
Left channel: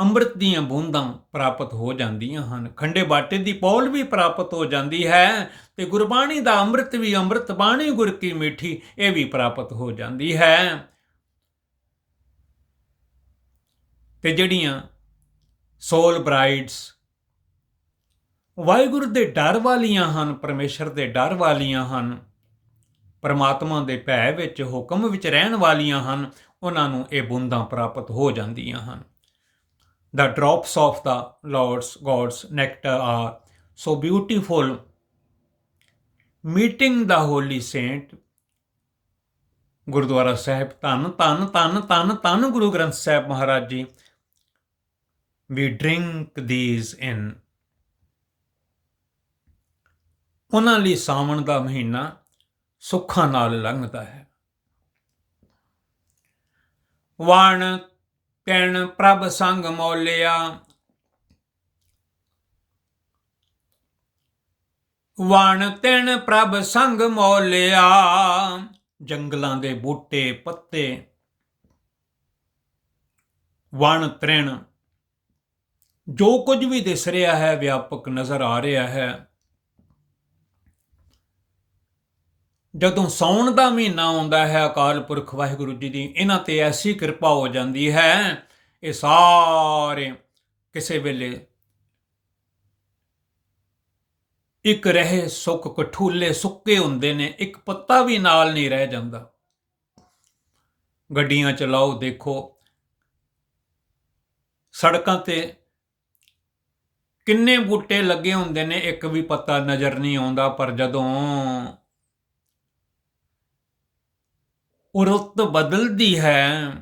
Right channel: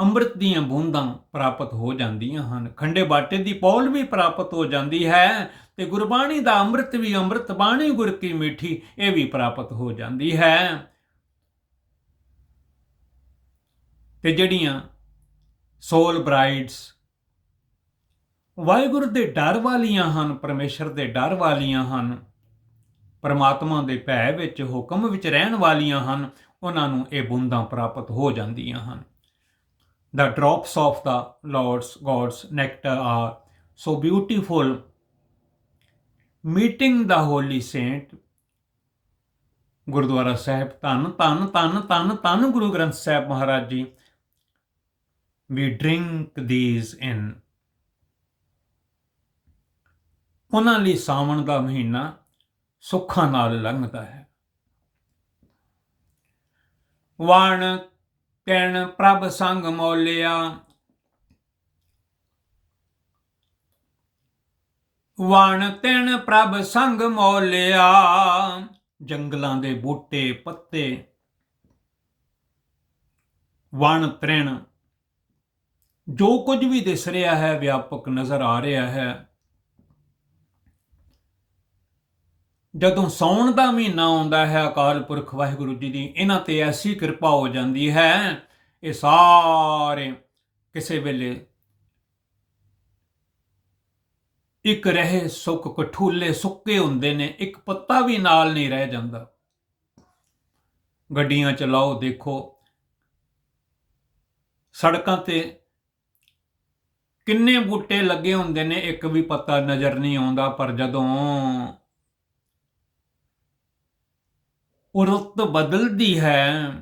ਅੰਮ੍ਰਿਤ ਦੀਆਂ ਬੂੰਦਾਂ ਪ੍ਰਾਪਤ ਹੋ ਜਾਂਦੀਆਂ ਹਨ। ਖੰਡੇ ਬਾਟੇ ਦੀ ਪੌਲ ਵੀ ਪ੍ਰਾਪਤ ਹੋ ਜਾਂਦੀ ਹੈ ਤੇ ਗੁਰਬਾਣੀ ਦਾ ਅੰਮ੍ਰਿਤ ਵੀ ਅੰਮ੍ਰਿਤ, ਬਾਣੀ ਗੁਰ ਕੀ ਮਿੱਠੀ, ਇਹ ਵੀ ਪ੍ਰਾਪਤ ਹੋ ਜਾਂਦੀ ਹੈ। ਤੇ ਜਿਹੜੀਆਂ ਸੋਲ ਬ੍ਰਾਈਡਸ ਵਾਹਿਗੁਰੂ ਦੇ ਡਰ ਵਾਲੀਆਂ ਹਨ, ਪਰਮੇਸ਼ਰ ਦੇ ਡਰ ਵਾਲੀਆਂ ਹਨ। ਪਰਮਾਤਮਾ ਦੇ ਭੈ ਵਿੱਚ ਹੁਕਮ ਵਿੱਚ ਰਹਿਣ ਵਾਲੀਆਂ ਹਨ, ਉਹਨਾਂ ਨੂੰ ਇਹ ਬੂੰਦਾਂ ਪ੍ਰਾਪਤ ਹੋ ਜਾਂਦੀਆਂ ਹਨ। The drops of the lord's god's nectar are so beautiful. Meeting the holy saint Gurdwara Sahib, Dhan Dhan Dhan ਧੰਨ ਧੰਨ ਗੁਰੂ ਗ੍ਰੰਥ ਸਾਹਿਬ ਮਹਾਰਾਜ ਜੀ ਵੀ ਡਰਿੰਕ these in ਉਹਨਾਂ ਲਈ ਸਾਵਣ ਦਾ ਮਹੀਨਾ ਸੁੱਖਾਂ ਨਾਲ ਲੰਘਦਾ ਹੈ। ਵਣ ਕਿਣ ਪ੍ਰਭ ਸੰਗ ਮੌਲਿਆ, ਵਣ ਤਿਣ ਪ੍ਰਭ ਸੰਗ ਮੌਲਿਆ, ਜੰਗਲਾਂ ਦੇ ਬੂਟੇ ਪੱਤੇ, ਵਣ ਤ੍ਰਿਣ। ਜੋ ਕੁਝ ਵੀ ਦਿਸ ਰਿਹਾ ਹੈ, ਵਿਆਪਕ ਨਜ਼ਰ ਆ ਰਿਹਾ ਹੈ। ਜਦੋਂ ਸੌਣ ਦਾ ਮਹੀਨਾ ਆਉਂਦਾ ਹੈ, ਅਕਾਲ ਪੁਰਖ ਵਾਹਿਗੁਰੂ ਜੀ ਦੀ, ਇਹਨਾਂ ਤੇ ਐਸੀ ਕਿਰਪਾ ਹੋ ਜਾਂਦੀ ਹੈ, ਇਹ ਸਾਰੇ ਕਿਸੇ ਵੇਲੇ ਇੱਕ ਰਹੇ ਸੁੱਕ ਕਠੂਲੇ ਸੁੱਕੇ ਹੁੰਦੇ ਨੇ, ਇੱਕ ਪੱਤਾ ਵੀ ਨਾਲ ਨਹੀਂ ਰਹਿ ਜਾਂਦਾ। ਗੱਡੀਆਂ ਚਲਾਓ, ਦੇਖੋ, ਸੜਕਾਂ ਤੇ ਕਿੰਨੇ ਬੂਟੇ ਲੱਗੇ ਹੁੰਦੇ ਨੇ, ਇੱਕ ਵੀ ਪੱਤਾ ਨਜ਼ਰ ਨਹੀਂ ਆਉਂਦਾ, ਪਰ ਜਦੋਂ ਉਹ ਰੁੱਤ ਬਦਲਦੀ ਹੈ।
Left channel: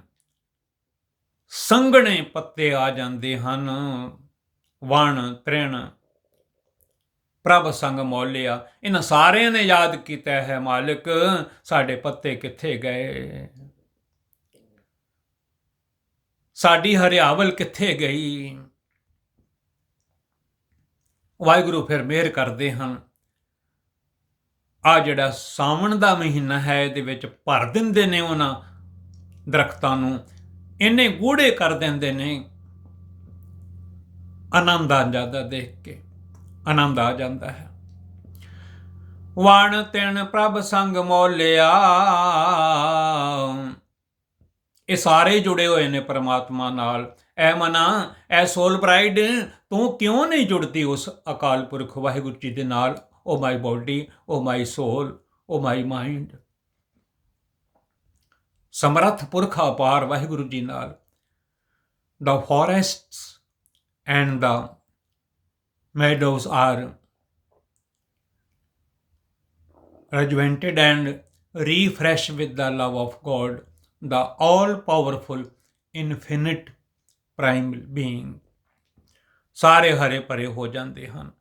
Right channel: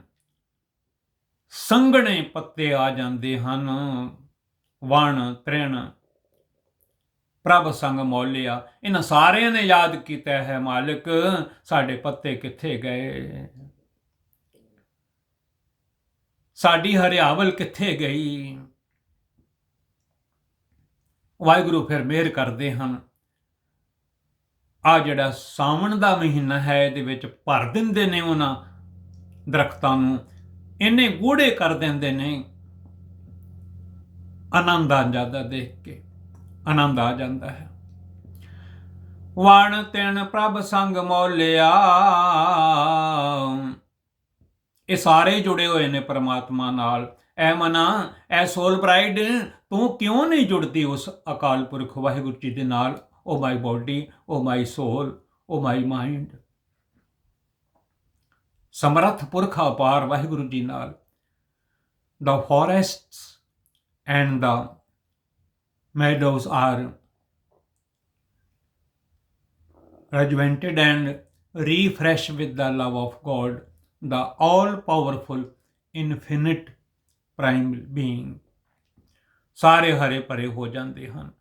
ਸੰਘਣੇ ਪੱਤੇ ਆ ਜਾਂਦੇ ਹਨ। ਵਣ, ਤ੍ਰਿਣ, ਪ੍ਰਭ ਸੰਗ ਮੌਲਿਆ। ਇਹਨਾਂ ਸਾਰਿਆਂ ਨੇ ਯਾਦ ਕੀਤਾ ਹੈ, ਮਾਲਕ, ਸਾਡੇ ਪੱਤੇ ਕਿੱਥੇ ਗਏ? ਸਾਡੀ ਹਰਿਆਵਲ ਕਿੱਥੇ ਗਈ? ਵਾਹਿਗੁਰੂ ਫਿਰ ਮਿਹਰ ਕਰਦੇ ਹਨ। ਆ ਜਿਹੜਾ ਸਾਵਣ ਦਾ ਮਹੀਨਾ ਹੈ, ਇਹਦੇ ਵਿੱਚ ਭਰ ਦਿੰਦੇ ਨੇ ਉਹਨਾਂ ਦਰਖਤਾਂ ਨੂੰ। ਇੰਨੇ ਗੂੜੇ ਕਰ ਦਿੰਦੇ ਨੇ। ਆਨੰਦ ਆ ਜਾਂਦਾ ਦੇਖ ਕੇ। ਆਨੰਦ ਆ ਜਾਂਦਾ ਹੈ। ਵਾਣ ਤਿਣ ਪ੍ਰਭ ਸੰਗ ਮੋਲਿਆ। ਇਹ ਸਾਰੇ ਜੁੜੇ ਹੋਏ ਨੇ ਪਰਮਾਤਮਾ ਨਾਲ। ਐ ਮਨਾ, ਐ ਸੋਲ ਬ੍ਰਾਈਡ ਤੂੰ ਕਿਉਂ ਨਹੀਂ ਜੁੜਦੀ ਉਸ ਅਕਾਲ ਪੁਰਖ ਵਾਹਿਗੁਰੂ ਜੀ ਦੇ ਨਾਲ? ਓ my body O my sole O my mind ਸਮਰੱਥ ਪੁਰਖ ਅਪਾਰ ਵਾਹਿਗੁਰੂ ਜੀ ਨਾਲ the forests and the meadows are rejuvenated and refreshed with the love of God, the all powerful, infinite prime being. ਸਾਰੇ ਹਰੇ ਭਰੇ ਹੋ ਜਾਂਦੇ ਹਨ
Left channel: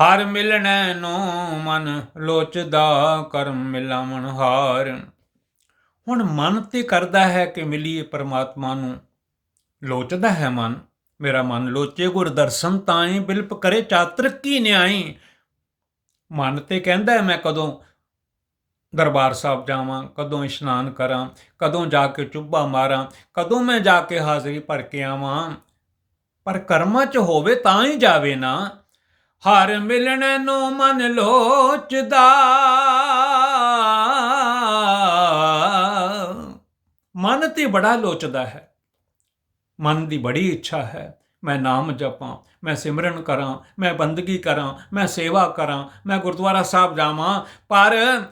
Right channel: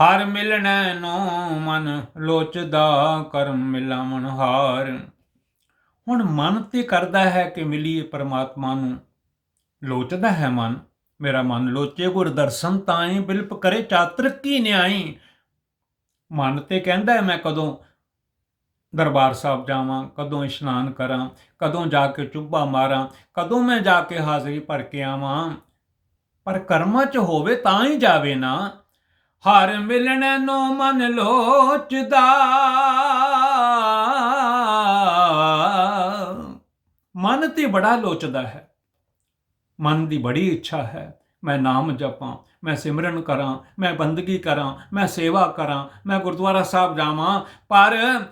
ਹਰ ਮਿਲਣੈ ਨੂੰ ਮਨ ਲੋਚਦਾ, ਕਰਮ ਮਿਲਾਵਣ ਹਾਰ। ਹੁਣ ਮਨ ਤੇ ਕਰਦਾ ਹੈ ਕਿ ਮਿਲੀਏ ਪਰਮਾਤਮਾ ਨੂੰ। ਲੋਚਦਾ ਹੈ ਮਨ। ਮੇਰਾ ਮਨ ਲੋਚੇ ਗੁਰ ਦਰਸ਼ਨ ਤਾਈ, ਬਿਲਪ ਕਰੇ ਚਾਤ੍ਰਿਕ ਕੀ ਨਿਆਈ। ਮਨ ਤੇ ਕਹਿੰਦਾ ਹੈ, ਮੈਂ ਕਦੋਂ ਦਰਬਾਰ ਸਾਹਿਬ ਜਾਵਾਂ, ਕਦੋਂ ਇਸ਼ਨਾਨ ਕਰਾਂ, ਕਦੋਂ ਜਾ ਕੇ ਚੁੱਭਾ ਮਾਰਾਂ, ਕਦੋਂ ਮੈਂ ਜਾ ਕੇ ਹਾਜ਼ਰੀ ਭਰ ਕੇ ਆਵਾਂ। ਪਰ ਕਰਮਾਂ 'ਚ ਹੋਵੇ ਤਾਂ ਹੀ ਜਾਵੇ ਨਾ। ਹਰ ਮਿਲਣ ਨੂੰ ਮਨ ਲੋਚਦਾ। ਮਨ ਤੇ ਬੜਾ ਲੋਚਦਾ ਹੈ। ਮਨ ਦੀ ਬੜੀ ਇੱਛਾ ਹੈ। ਮੈਂ ਨਾਮ ਜਪਾਂ, ਮੈਂ ਸਿਮਰਨ ਕਰਾਂ, ਮੈਂ ਬੰਦਗੀ ਕਰਾਂ, ਮੈਂ ਸੇਵਾ ਕਰਾਂ, ਮੈਂ ਗੁਰਦੁਆਰਾ ਸਾਹਿਬ ਜਾਵਾਂ, ਪਰ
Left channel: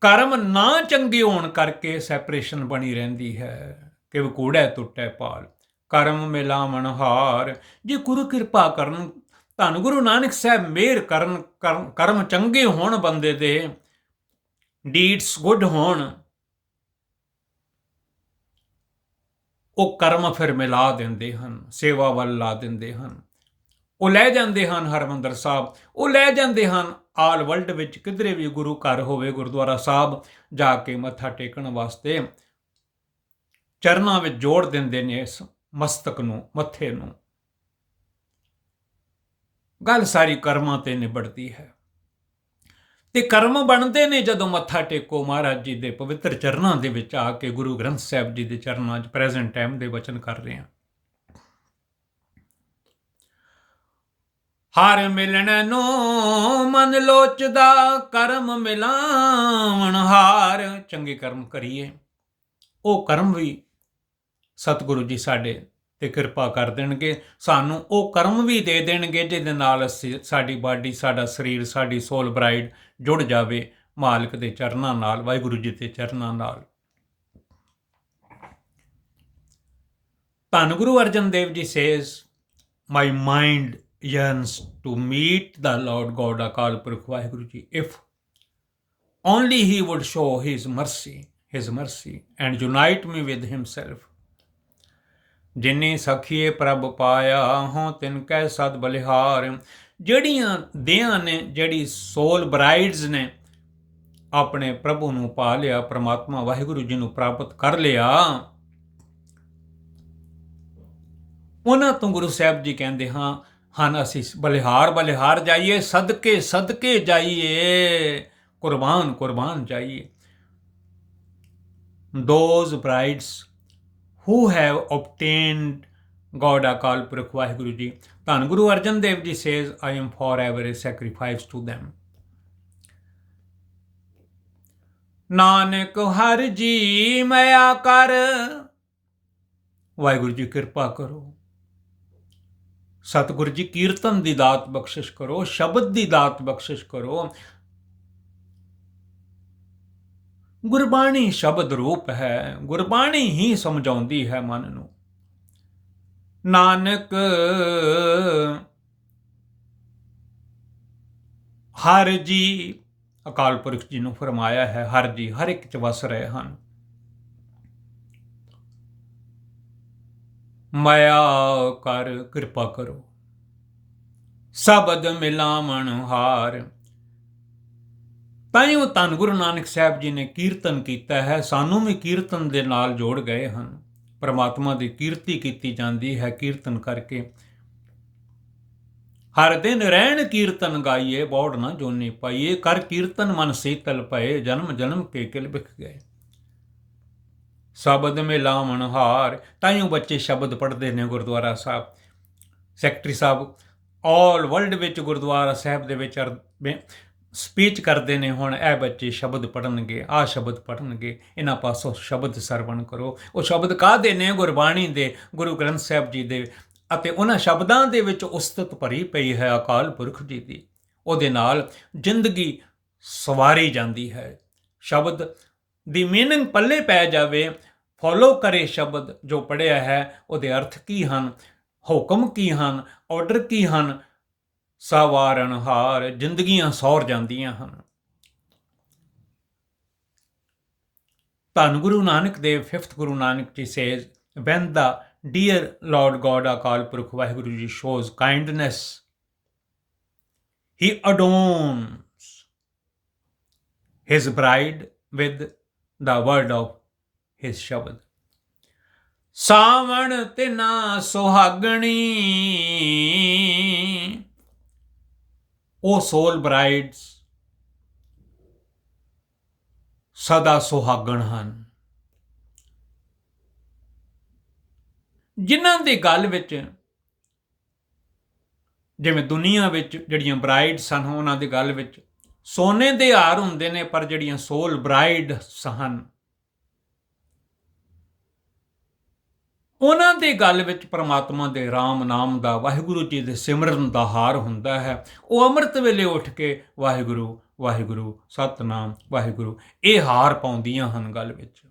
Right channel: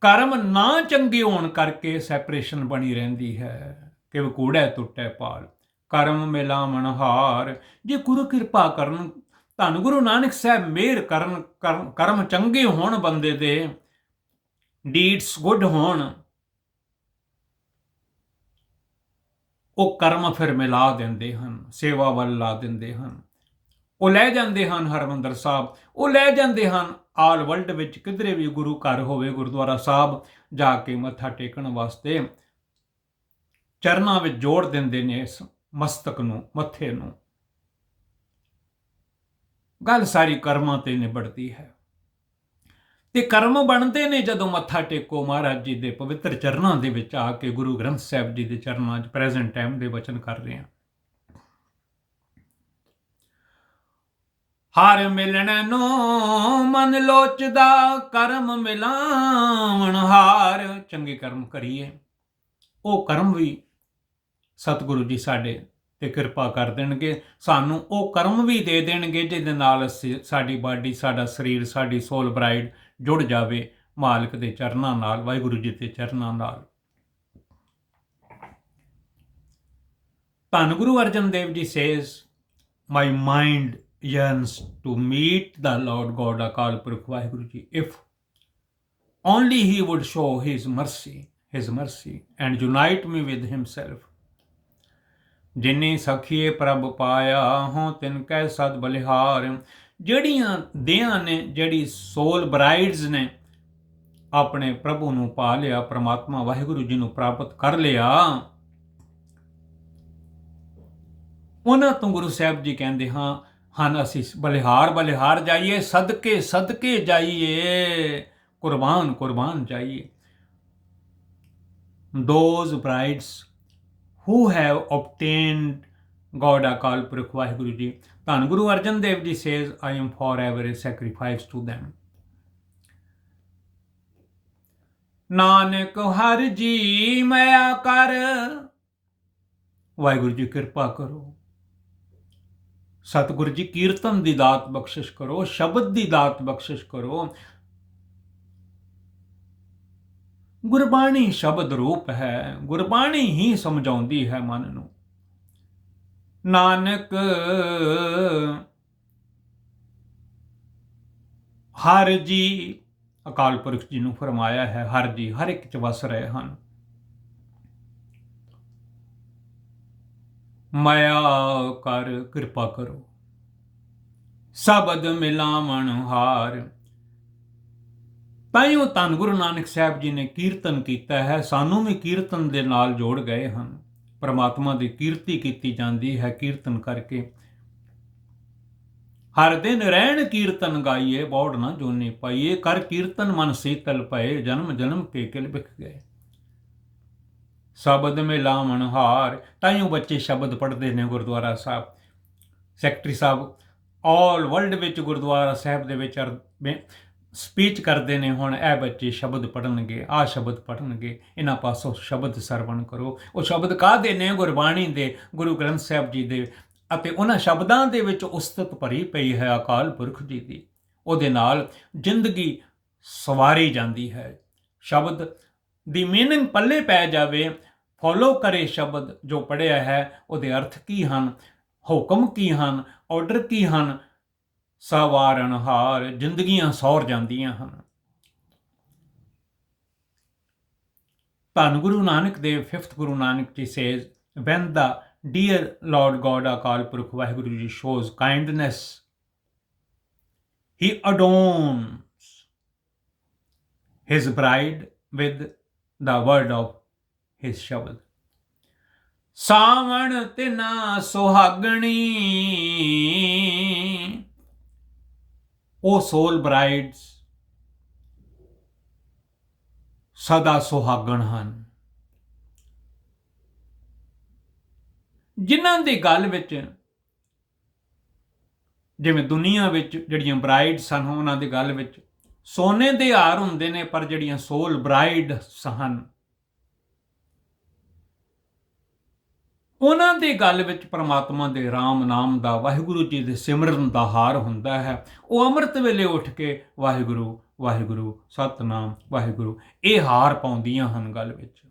ਕਰਮ ਨਾ ਚੰਗੇ ਹੋਣ ਕਰਕੇ ਸੈਪਰੇਸ਼ਨ ਬਣੀ ਰਹਿੰਦੀ ਹੈ। ਕਿ ਵਕੂੜੈ ਟੁੱਟੈ ਪਾਲ। ਕਰਮ ਮਿਲਾ ਮਨਹਾਰ ਜੇ ਗੁਰੂ ਕਿਰਪਾ ਕਰਨ, ਧੰਨ ਗੁਰੂ ਨਾਨਕ ਸਾਹਿਬ ਮਿਹਰ ਕਰਨ ਕਰਮ- ਕਰਮ ਚੰਗੇ ਹੋਣ ਬੰਦੇ ਦੇ ਡੀਡਸ ਗੁੱਡ ਹੋਣ, ਉਹ ਕਰਮ ਫਿਰ ਮਿਲਾ ਦਿੰਦੇ ਹਨ, ਸੇਵਾ ਵੱਲ ਲਾ ਦਿੰਦੇ ਹਨ। ਉਹ ਲੈ ਜਾਂਦੇ ਹਨ ਹਰਮੰਦਰ ਸਾਹਿਬ, ਉਹ ਲੈ ਜਾਂਦੇ ਹਨ ਆਲ ਵਰਲਡ ਵਿੱਚ, ਕਿਧਰੇ ਵੀ ਗੁਰੂ ਘਰ ਹੋਵੇ, ਗੁਰਦੁਆਰਾ ਸਾਹਿਬ, ਜਾ ਕੇ ਮੱਥਾ ਟੇਕਣ ਵਾਸਤੇ, ਚਰਨਾਂ ਵਿੱਚ ਜੋੜ ਦਿੰਦੇ ਨੇ ਇਸ ਮਸਤਕ ਨੂੰ, ਮੱਥੇ ਨੂੰ। ਗੱਲ ਸਾਰੀ ਕਰਮਾਂ ਤੇ ਨਿਬੜਦੀ ਹੈ। ਤੇ ਕਰਮ ਬਣਦੇ ਨੇ ਜਦੋਂ ਮੱਥਾ ਟੇਕੋ ਮਹਾਰਾਜ ਜੀ ਦੇ ਪਵਿੱਤਰ ਚਰਨਾਂ ਦੇ ਵਿੱਚ ਆ ਕੇ ਗੁਰੂ ਗ੍ਰੰਥ ਸਾਹਿਬ ਜੀ ਦੇ ਚਰਨਾਂ 'ਚ ਪ੍ਰੈਜ਼ੈਂਟ ਟਾਈਮ ਦੇ ਵਚਨ ਕਰ ਰਹੇ ਹਾਂ। ਹਰ ਮਿਲਣ ਨੂੰ ਮਨ ਲੋਚਦਾ, ਕਰਮ ਮਿਲਾਵਣ ਹਾਰ। ਚੰਗੇ ਕਰਮ ਕਰੀਏ। ਉਹ ਕਰਮ ਵੀ ਸਤਿਗੁਰੂ ਜੀ ਸਾਡੇ ਤੇ ਕਿਰਪਾ ਕਰ ਦੇਣਗੇ ਸਾਨੂੰ ਉਹ ਕਰਮ ਵੀ ਦੇ ਦੇਣਗੇ ਜਿਹਦੇ ਨਾਲ ਸਾਡੀ ਬਾਡੀ ਸਾਡਾ ਸਰੀਰ ਸਾਡੀ ਸੋਲ ਬ੍ਰਾਈਡ ਜੁੜ ਜਾਵੇ ਮਾਲਕ ਦੇ ਚਰਨਾਂ ਨਾਲ ਵਾਹਿਗੁਰੂ ਜੀ ਦੇ ਚਰਨਾਂ ਨਾਲ ਧੰਨ Guru Arjan Dev ji says my mind yearns to meet the lord god akal purkh Waheguru ji if only he would show his mercy his mercy and unite me with himself ਜਿਨੇ ਸਖੀਏ ਪ੍ਰਭ ਪਾਇਆ ਹੋ, ਤਿਨ ਕੈ ਸਦ ਬਲਿਹਾਰ। ਜਿਹੜੀਆਂ ਦੇਹਾਂ ਨੇ, ਜਿਹੜੀ ਸੋਲ ਬ੍ਰਾਈਡਸ ਨੇ, ਆਪਣੇ ਪ੍ਰਭੂ ਨੂੰ ਪਾ ਲਿਆ, ਪ੍ਰਮਾਤਮਾ ਵਾਹਿਗੁਰੂ ਜੀ ਨੂੰ ਪ੍ਰਾਪਤ ਕਰ ਲਿਆ। ਉਹਨਾਂ ਤੋਂ ਗੁਰੂ ਸਾਹਿਬ ਜੀ ਕਹਿੰਦੇ ਹਾਂ, ਹਨ, ਅਸੀਂ ਬਲਿਹਾਰ ਬਲਿਹਾਰ ਜਾਈਏ, ਸਦਕੇ ਸਦਕੇ ਜਾਈਏ, ਕੁਰਬਾਨ ਕੁਰਬਾਨ ਜਾਈਏ। Those brides who have obtained God Akal Purkh Vaheguru Ji ਧੰਨ ਗੁਰੂ ਅਰਜਨ ਦੇਵ ਜੀ says I am forever a sacrifice to them Nanak Har ji ਮਿਆ ਕਰ ਵਾਹਿਗੁਰੂ ਜੀ ਕਿਰਪਾ ਕਰੋ ਸਤਿਗੁਰੂ ਜੀ ਕੀਰਤਨ ਦੀ ਦਾਤ ਬਖਸ਼ਿਸ਼ ਕਰੋ ਸ਼ਬਦ ਦੀ ਦਾਤ ਬਖਸ਼ਿਸ਼ ਕਰੋ ਗੁਰਬਾਣੀ ਸ਼ਬਦ ਰੂਪ ਹੈ, ਗੁਰਬਾਣੀ ਹੀ ਸਮਝਾਉਂਦੀ ਹੈ ਮਨ ਨੂੰ। ਨਾਨਕ ਹਰ ਜੀ, ਅਕਾਲ ਪੁਰਖ ਜੀ ਨੂੰ ਫਰਮਾਇਆ ਹੈ, ਹਰ ਜੀ, ਹਰ ਇੱਕ ਚ ਵਸ ਰਹੇ ਹਨ। ਮਾਇਆ ਕਰ ਕਿਰਪਾ ਕਰੋ, ਸਬਦ ਮਿਲਾਵਣ ਹਾਰ। ਤਾਂ ਹੀ ਉਹ ਧੰਨ ਗੁਰੂ ਨਾਨਕ ਸਾਹਿਬ ਜੀ ਨੇ ਕੀਰਤਨ ਕੀਤਾ ਹੈ। ਸਾਨੂੰ ਵੀ ਕੀਰਤਨ ਦੇ ਨਾਲ ਜੋੜ ਗਏ ਹਨ। ਪਰਮਾਤਮਾ ਦੀ ਕੀਰਤੀ ਕੀਤੀ ਜਾਂਦੀ ਹੈ ਕੀਰਤਨ ਕਰਕੇ। ਹਰ ਦਿਨ ਰਹਿਣ ਕੀਰਤਨ ਗਾਈਏ, ਬੋੜ ਨਾ ਜੋਨੀ ਪਾਈਏ, ਕਰ ਕੀਰਤਨ ਮਨ ਸੀਤਲ ਪਏ, ਜਨਮ ਜਨਮ ਕੇ ਕਿਲ ਬਿਖ ਗਏ। ਸ਼ਬਦ ਮੇ ਲਾਵਣ ਹਾਰ ਤਾਈਓ ਬੱਚੇ ਸ਼ਬਦ ਪੜ੍ਹਦੇ ਨੇ Gurdwara Sahib. Secretary Sahib, all world ਵਿੱਚ ਗੁਰਦੁਆਰਾ ਸਾਹਿਬ ਦੇ ਵਿੱਚ ਸਪੀਚ ਕਰਦੇ ਨੇ ਹੁਣ ਇਹ ਬੱਚੇ ਸ਼ਬਦ ਪੜਨਗੇ ਆ ਸ਼ਬਦ ਪੜਨਗੇ ਇਹਨਾਂ ਪਾਸੋਂ ਸ਼ਬਦ ਸਰਵਣ ਕਰੋ। ਉਹ ਸ਼ਬਦ ਕਾਹਦੇ ਨੇ? ਗੁਰਬਾਣੀ ਦੇ, ਗੁਰੂ ਗ੍ਰੰਥ ਸਾਹਿਬ ਜੀ ਦੇ ਅਤੇ ਉਹਨਾਂ ਸ਼ਬਦਾਂ ਦੇ ਵਿੱਚ ਉਸਤਤ ਭਰੀ ਪਈ ਹੈ ਅਕਾਲ ਪੁਰਖ ਜੀ ਦੀ। ਉਹਦੇ ਨਾਲ ਜ਼ਿੰਦਗੀ ਸਵਾਰੀ ਜਾਂਦੀ ਹੈ। ਸ਼ਬਦ ਦੀ ਮੀਨਿੰਗ ਪੱਲੇ ਪੈ ਜਾਵੇ ਫੋਲੋ ਕਰੇ ਸ਼ਬਦ ਜੋ ਪੜਿਆ ਹੈ, ਉਹਦੇ ਅਰਥ ਕੀ ਹਨ? ਹੁਕਮ ਕੀ ਹਨ? ਆਰਡਰ ਕੀ ਹਨ? ਸਵਾਰਨ ਹਾਰ ਜ਼ਿੰਦਗੀਆਂ ਸੌਰ ਜਾਂਦੀਆਂ ਹਨ ਧੰਨ Guru Nanak Dev 5th Guru Nanak ji says when the dear lord god akal purkh vaheguru ji shows kindness he adorns his bride with the word of his shabad ਸਾਵਣ ਤਿਨਾ ਸੁਹਾਗਣੀ ਉਹ ਸੋਲ ਬ੍ਰਾਈਡਸ ਸਦਾ ਸੁਹਾਗਣ ਹਨ। ਜਿਨ੍ਹਾਂ ਦੀ ਗੱਲ ਵਿੱਚ, ਜਿਵੇਂ ਦੁਨੀਆ ਵਿੱਚ ਜਿਹੜੀਆਂ ਬ੍ਰਾਈਡਸ ਹਨ, ਉਹਨਾਂ ਦੀ ਗੱਲ ਵਿੱਚ ਸੋਨੇ ਦੇ ਹਾਰ ਹੁੰਦੇ ਨੇ, ਪਰ ਜਿਹੜੀਆਂ ਸੋਲ ਬ੍ਰਾਈਡ ਸਹਨ ਉਹਨਾਂ ਦੀ ਗੱਲ ਵਿੱਚ ਪ੍ਰਮਾਤਮਾ ਦੇ ਰਾਮ ਨਾਮ ਦਾ ਵਾਹਿਗੁਰੂ ਜੀ ਦੇ ਸਿਮਰਨ ਦਾ ਹਾਰ ਹੁੰਦਾ ਹੈ। ਉਹ ਅੰਮ੍ਰਿਤ ਵੇਲੇ ਉੱਠ ਕੇ ਵਾਹਿਗੁਰੂ ਵਾਹਿਗੁਰੂ, ਸਤਨਾਮ, ਵਾਹਿਗੁਰੂ, ਇਹ ਹਾਰ ਪਾਉਂਦੀਆਂ ਹਨ ਗੱਲ ਵਿੱਚ।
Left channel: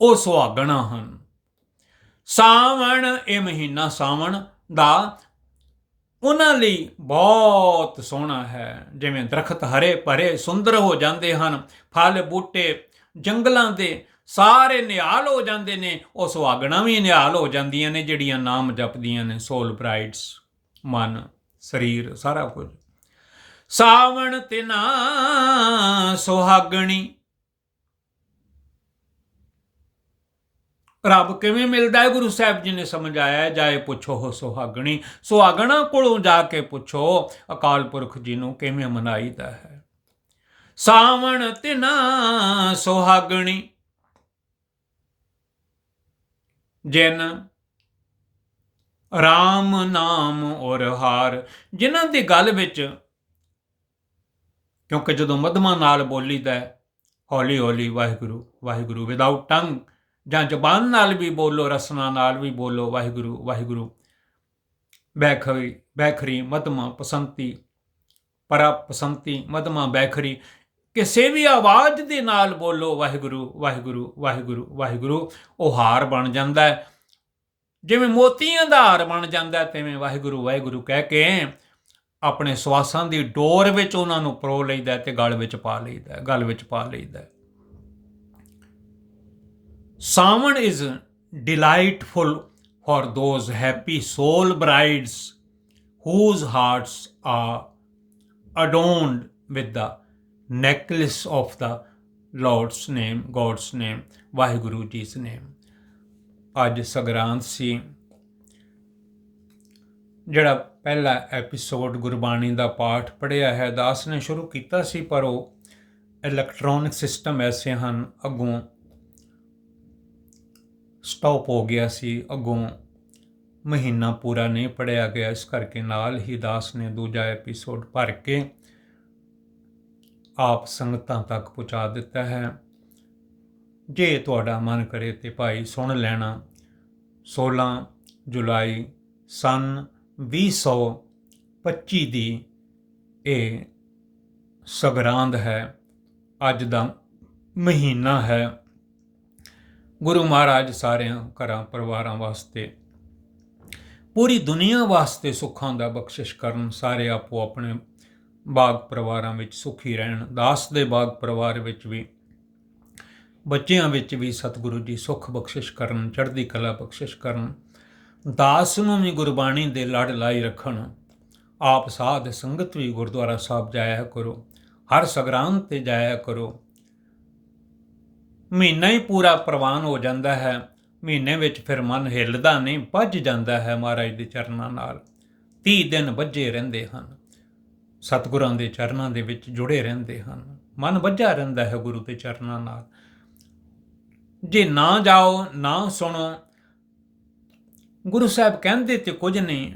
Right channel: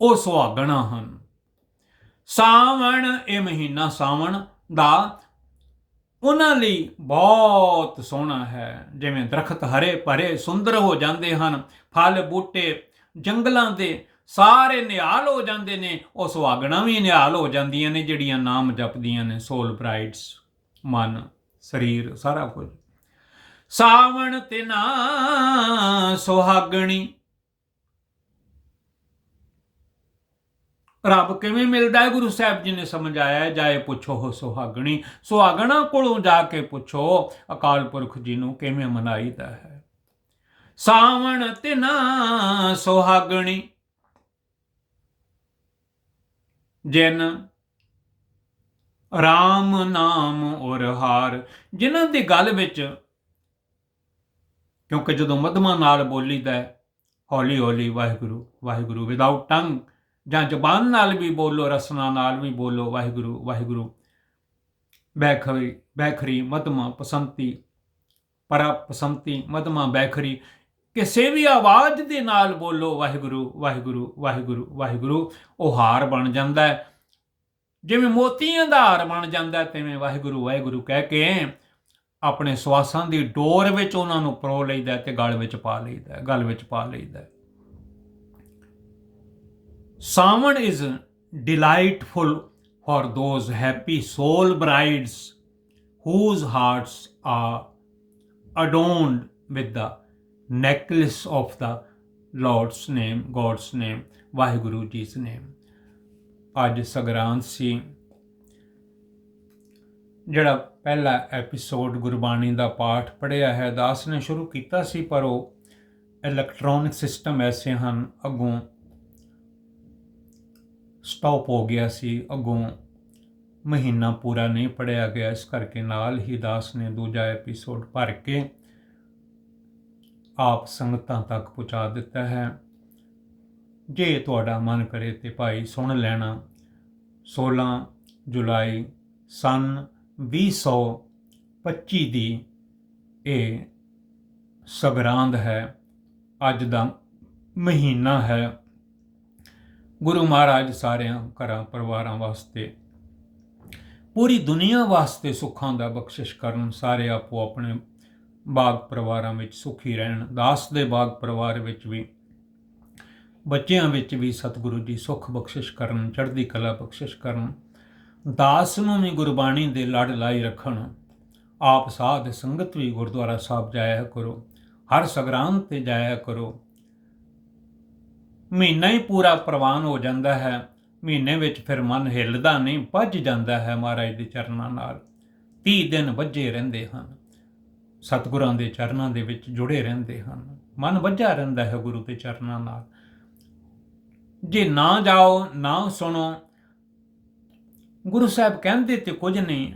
ਉਹ ਸੁਹਾਗਣਾ ਹਨ। ਸਾਵਣ ਇਹ ਮਹੀਨਾ ਸਾਵਣ ਦਾ ਉਹਨਾਂ ਲਈ ਬਹੁਤ ਸੋਹਣਾ ਹੈ। ਜਿਵੇਂ ਦਰਖਤ ਹਰੇ ਭਰੇ, ਸੁੰਦਰ ਹੋ ਜਾਂਦੇ ਹਨ। ਫਲ, ਬੂਟੇ, ਜੰਗਲਾਂ ਦੇ ਸਾਰੇ ਨਿਹਾਲ ਹੋ ਜਾਂਦੇ ਨੇ, ਉਹ ਸੁਹਾਗਣਾ ਵੀ ਨਿਹਾਲ ਹੋ ਜਾਂਦੀਆਂ ਨੇ, ਜਿਹੜੀਆਂ ਨਾਮ ਜਪਦੀਆਂ ਨੇ ਸੋਲ ਬ੍ਰਾਈਡਸ ਮਨ, ਸਰੀਰ, ਸਾਰਾ ਕੁਝ। ਸਾਵਣ ਤਿਨਾ ਸੁਹਾਗਣੀ। ਰੱਬ ਕਿਵੇਂ ਮਿਲਦਾ ਹੈ? ਗੁਰੂ ਸਾਹਿਬ ਜੀ ਨੇ ਸਮਝਾਇਆ, ਜਾਏ ਪੁੱਛੋ ਹੋ ਸੁਹਾਗਣੀ। ਸੁਹਾਗਣਾ ਕੋਲੋਂ ਜਾ ਕੇ ਪੁੱਛੋ, ਅਕਾਲ ਪੁਰਖ ਜੀ ਨੂੰ ਕਿਵੇਂ ਮਨਾਈਦਾ ਹੈ? ਸਾਵਣ ਤਿਨਾ ਸੁਹਾਗਣੀ। ਜਿਨ RAM ਨਾਮ ਔਰ ਹਾਰ। ਜਿਨ੍ਹਾਂ ਦੀ ਗੱਲ ਵਿੱਚ ਕਿਉਂਕਿ ਜਦੋਂ ਮਧਮਾ ਨਾਲ ਬੋਲੀਦਾ ਹੈ, ਹੌਲੀ ਹੌਲੀ ਵਾਹਿਗੁਰੂ ਵਾਹਿਗੁਰੂ ਵਿਦਆਊਟ ਟੰਗ ਜਾਂ ਜ਼ਬਾਨ ਨਾਲ ਵੀ ਬੋਲੋ, ਰਸਨਾ ਨਾਲ ਵੀ ਬੋਲੋ, ਵਾਹਿਗੁਰੂ ਵਾਹਿਗੁਰੂ। ਬੈਖਰੀ ਬੈਖਰੀ, ਮਧਮਾ, ਪਸੰਤੀ ਪਰਾ ਪਸੰਤੀ ਮਧਮਾ, ਬੈਖਰੀ। ਕਿਸੇ ਵੀ ਆਵਾਜ਼ ਦੇ ਨਾਲ ਬੋਲੋ, ਵਾਹਿਗੁਰੂ ਵਾਹਿਗੁਰੂ ਵਾਹਿਗੁਰੂ ਵਾਹਿਗੁਰੂ, ਉਹ ਹਾਰ ਬਣ ਜਾਂਦਾ ਹੈ। ਜਿਵੇਂ ਮੋਤੀਆਂ ਦਾ ਹਾਰ ਬਣ ਜਾਂਦਾ ਹੈ, ਤਿਵੇਂ ਵਾਹਿਗੁਰੂ ਵਾਹਿਗੁਰੂ ਕਹਿ ਕੇ ਆਪਣੇ ਸਵਾਸਾਂ ਦੀ ਡੋਰ ਵਿੱਚ ਉਹਨਾਂ ਨੂੰ ਪਰੋ ਲਈਦਾ ਹੈ ਤੇ ਗਲ ਵਿੱਚ ਪਾ ਲਈਦਾ ਗਲ ਵਿੱਚ ਪਾ ਲਈਦਾ Sawan is delightful for those happy soul brides whose hearts are adorned with the necklace of the Lord's name, God's name, Waheguru ਜੀ's name. ਅੱਜ ਸਗਰਾਂਦ ਸੀ ਜਿਹੜਾ ਪਹਿਲਾ ਐਪੀਸੋਡ ਗੁਰਬਾਣੀ ਦਾ ਪਾਠ ਪੜਿਆ ਹੈ ਦਾਸ ਨੇ ਸ਼ੁਰੂ ਕੀਤਾ ਸੀ ਪਰ ਉਹ ਇਲੈਕਟ੍ਰੋਨਿਕ ਸਿਸਟਮ ਐਸੇ ਹਨ ਅੱਗੋਂ ਸਟਾਪ ਹੋ ਗਿਆ ਸੀ ਅੱਗੋਂ ਮਹੀਨਾ ਪੂਰਾ ਨਹੀਂ ਪੜਿਆ ਗਿਆ ਇਸ ਕਰਕੇ ਨਾਲ ਹੀ ਦਾਸ ਨੇ ਦੂਜਾ ਐਪੀਸੋਡ ਭਰ ਕੇ ਆਪ ਸੰਗਤਾਂ ਤੱਕ ਪਹੁੰਚਾ ਦਿੱਤਾ ਹੈ। ਜੇ ਤੁਹਾਡਾ ਮਨ ਕਰੇ ਤੇ ਭਾਈ ਸੁਣ ਲੈਣਾ। 16 ਜੁਲਾਈ ਸਨ 2025 ਦੀ ਇਹ ਸਗਰਾਂਦ ਹੈ। ਅੱਜ ਦਾ ਮਹੀਨਾ ਹੈ। ਗੁਰੂ ਮਹਾਰਾਜ ਸਾਰਿਆਂ ਘਰਾਂ ਪਰਿਵਾਰਾਂ ਵਾਸਤੇ, ਪੂਰੀ ਦੁਨੀਆ ਵਾਸਤੇ ਸੁੱਖਾਂ ਦਾ ਬਖਸ਼ਿਸ਼ ਕਰਨ, ਸਾਰੇ ਆਪੋ ਆਪਣੇ ਬਾਗ ਪਰਿਵਾਰਾਂ ਵਿੱਚ ਸੁਖੀ ਰਹਿਣ, ਦਾਸ ਦੇ ਬਾਗ ਪਰਿਵਾਰ ਵਿੱਚ ਵੀ, ਬੱਚਿਆਂ ਵਿੱਚ ਵੀ ਸਤਿਗੁਰੂ ਜੀ ਸੁਖ ਬਖਸ਼ਿਸ਼ ਕਰਨ, ਚੜ੍ਹਦੀ ਕਲਾ ਬਖਸ਼ਿਸ਼ ਕਰਨ, ਦਾਸ ਨੂੰ ਵੀ ਗੁਰਬਾਣੀ ਦੇ ਲੜ ਲਾਈ ਰੱਖਣ, ਆਪ ਸਾਧ ਸੰਗਤ ਵੀ ਗੁਰਦੁਆਰਾ ਸਾਹਿਬ ਜਾਇਆ ਕਰੋ, ਹਰ ਸਗਰਾਂਦ ਤੇ ਜਾਇਆ ਕਰੋ। ਮਹੀਨਾ ਹੀ ਪੂਰਾ ਪ੍ਰਵਾਨ ਹੋ ਜਾਂਦਾ ਹੈ, ਮਹੀਨੇ ਵਿੱਚ ਫਿਰ ਮਨ ਹਿੱਲਦਾ ਨਹੀਂ, ਭੱਜ ਜਾਂਦਾ ਹੈ ਮਹਾਰਾਜ ਦੇ ਚਰਨਾਂ ਨਾਲ 30 ਦਿਨ ਵੱਜੇ ਰਹਿੰਦੇ ਹਨ। ਸਤਿਗੁਰਾਂ ਦੇ ਚਰਨਾਂ ਦੇ ਵਿੱਚ ਜੁੜੇ ਰਹਿੰਦੇ ਹਨ। ਮਨ ਵੱਜਾ ਰਹਿੰਦਾ ਹੈ ਗੁਰੂ ਦੇ ਚਰਨਾਂ ਨਾਲ। ਜੇ ਨਾ ਜਾਓ, ਨਾ ਸੁਣੋ, ਗੁਰੂ ਸਾਹਿਬ ਕਹਿੰਦੇ ਤੇ ਕੁਝ ਨਹੀਂ।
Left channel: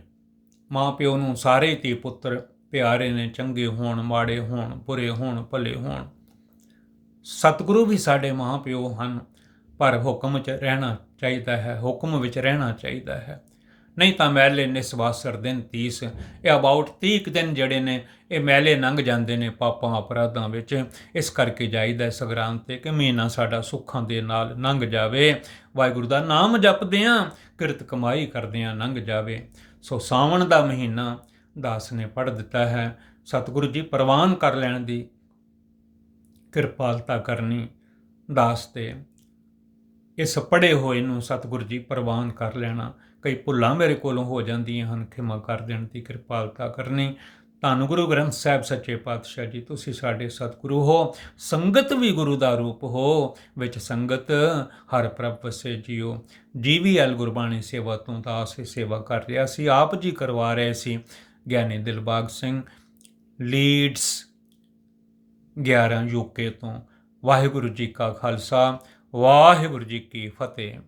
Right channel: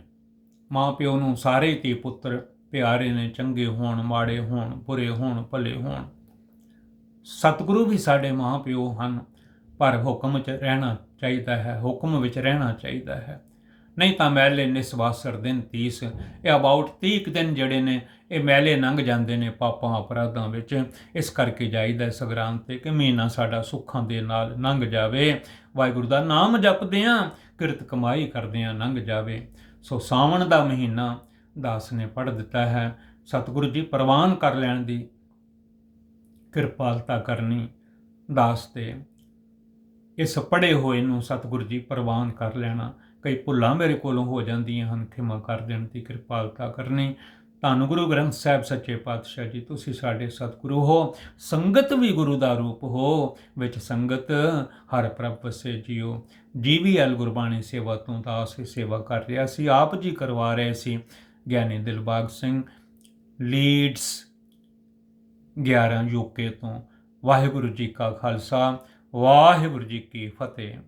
ਮਾਂ ਪਿਓ ਨੂੰ ਸਾਰੇ ਧੀ ਪੁੱਤਰ ਪਿਆਰੇ ਨੇ, ਚੰਗੇ ਹੋਣ, ਮਾੜੇ ਹੋਣ, ਬੁਰੇ ਹੋਣ, ਭਲੇ ਹੋਣ। ਸਤਿਗੁਰੂ ਵੀ ਸਾਡੇ ਮਾਂ ਪਿਓ ਹਨ, ਪਰ ਹੁਕਮ 'ਚ ਰਹਿਣਾ ਚਾਹੀਦਾ ਹੈ, ਹੁਕਮ ਵਿੱਚ ਰਹਿਣਾ ਚਾਹੀਦਾ ਹੈ। ਨਹੀਂ ਤਾਂ ਮੈਲੇ ਨਿਸਵਾਸਰ ਦਿਨ 30 ਇਹ ਅਬਾਊਟ 30 ਕੁ ਦਿਨ ਜਿਹੜੇ ਨੇ, ਇਹ ਮੈਲੇ ਲੰਘ ਜਾਂਦੇ ਨੇ ਪਾਪਾਂ ਅਪਰਾਧਾਂ ਵਿੱਚ। ਇਸ ਕਰਕੇ ਜਾਈਦਾ ਹੈ ਤੇ ਕਿ ਮਹੀਨਾ ਸਾਡਾ ਸੁੱਖਾਂ ਦੇ ਨਾਲ ਲੰਘ ਜਾਵੇ। ਵਾਹਿਗੁਰੂ ਦਾ ਨਾਮ ਜਪਦੇ ਆਂ, ਕਿਰਤ ਕਮਾਈ ਕਰਦੇ ਆਂ ਲੰਘ ਜਾਵੇ। ਸੋ ਸਾਵਣ ਦਾ ਮਹੀਨਾ ਦਾਸ ਨੇ ਪੜ੍ਹ ਦਿੱਤਾ ਹੈ। ਸਤਿਗੁਰੂ ਜੀ ਪ੍ਰਵਾਨ ਕਰ ਲੈਣ ਦੀ ਕਿਰਪਾਲਤਾ ਕਰਨੀ ਦਾਸ ਤੇ ਇਸ ਪੜੇ ਹੋਏ ਨੂੰ ਸਤਿਗੁਰੂ ਜੀ ਪ੍ਰਵਾਨ ਕਰ ਲੈਣਾ। ਕਈ ਭੁੱਲਾਂ ਮੇਰੇ ਕੋਲੋਂ ਹੋ ਜਾਂਦੀਆਂ ਹਨ। ਖਿਮਾ ਕਰ ਦੇਣ ਦੀ ਕਿਰਪਾਲਤਾ ਕਰਨੀ। ਧੰਨ ਗੁਰੂ ਗ੍ਰੰਥ ਸਾਹਿਬ ਸੱਚੇ ਪਾਤਸ਼ਾਹ ਜੀ, ਤੁਸੀਂ ਸਾਡੇ ਸਤਿਗੁਰੂ ਹੋ। ਸੰਗਤ ਵੀ ਗੁਰੂ ਦਾ ਰੂਪ ਹੋ, ਵਿੱਚ ਸੰਗਤ ਹਰ ਪ੍ਰਭ ਵਸੇ ਜੀਓ। ਜੀਵੀਐਲ ਗੁਰਬਾਣੀ ਸੇਵਾ ਤੋਂ ਤਾਂ ਇਹ ਸੇਵਾ ਕਰ ਰਿਹਾ ਸੀ, ਆਪ ਜੀ ਕਰਵਾ ਰਹੇ ਸੀ। ਗਿਆਨੀ ਦਿਲਬਾਗ ਸਿੰਘ, ਲੀਡਸ 11 ਯੂਕੇ ਤੋਂ। ਵਾਹਿਗੁਰੂ ਜੀ ਕਾ ਖਾਲਸਾ, ਵਾਹਿਗੁਰੂ ਜੀ ਕੀ ਫਤਿਹ।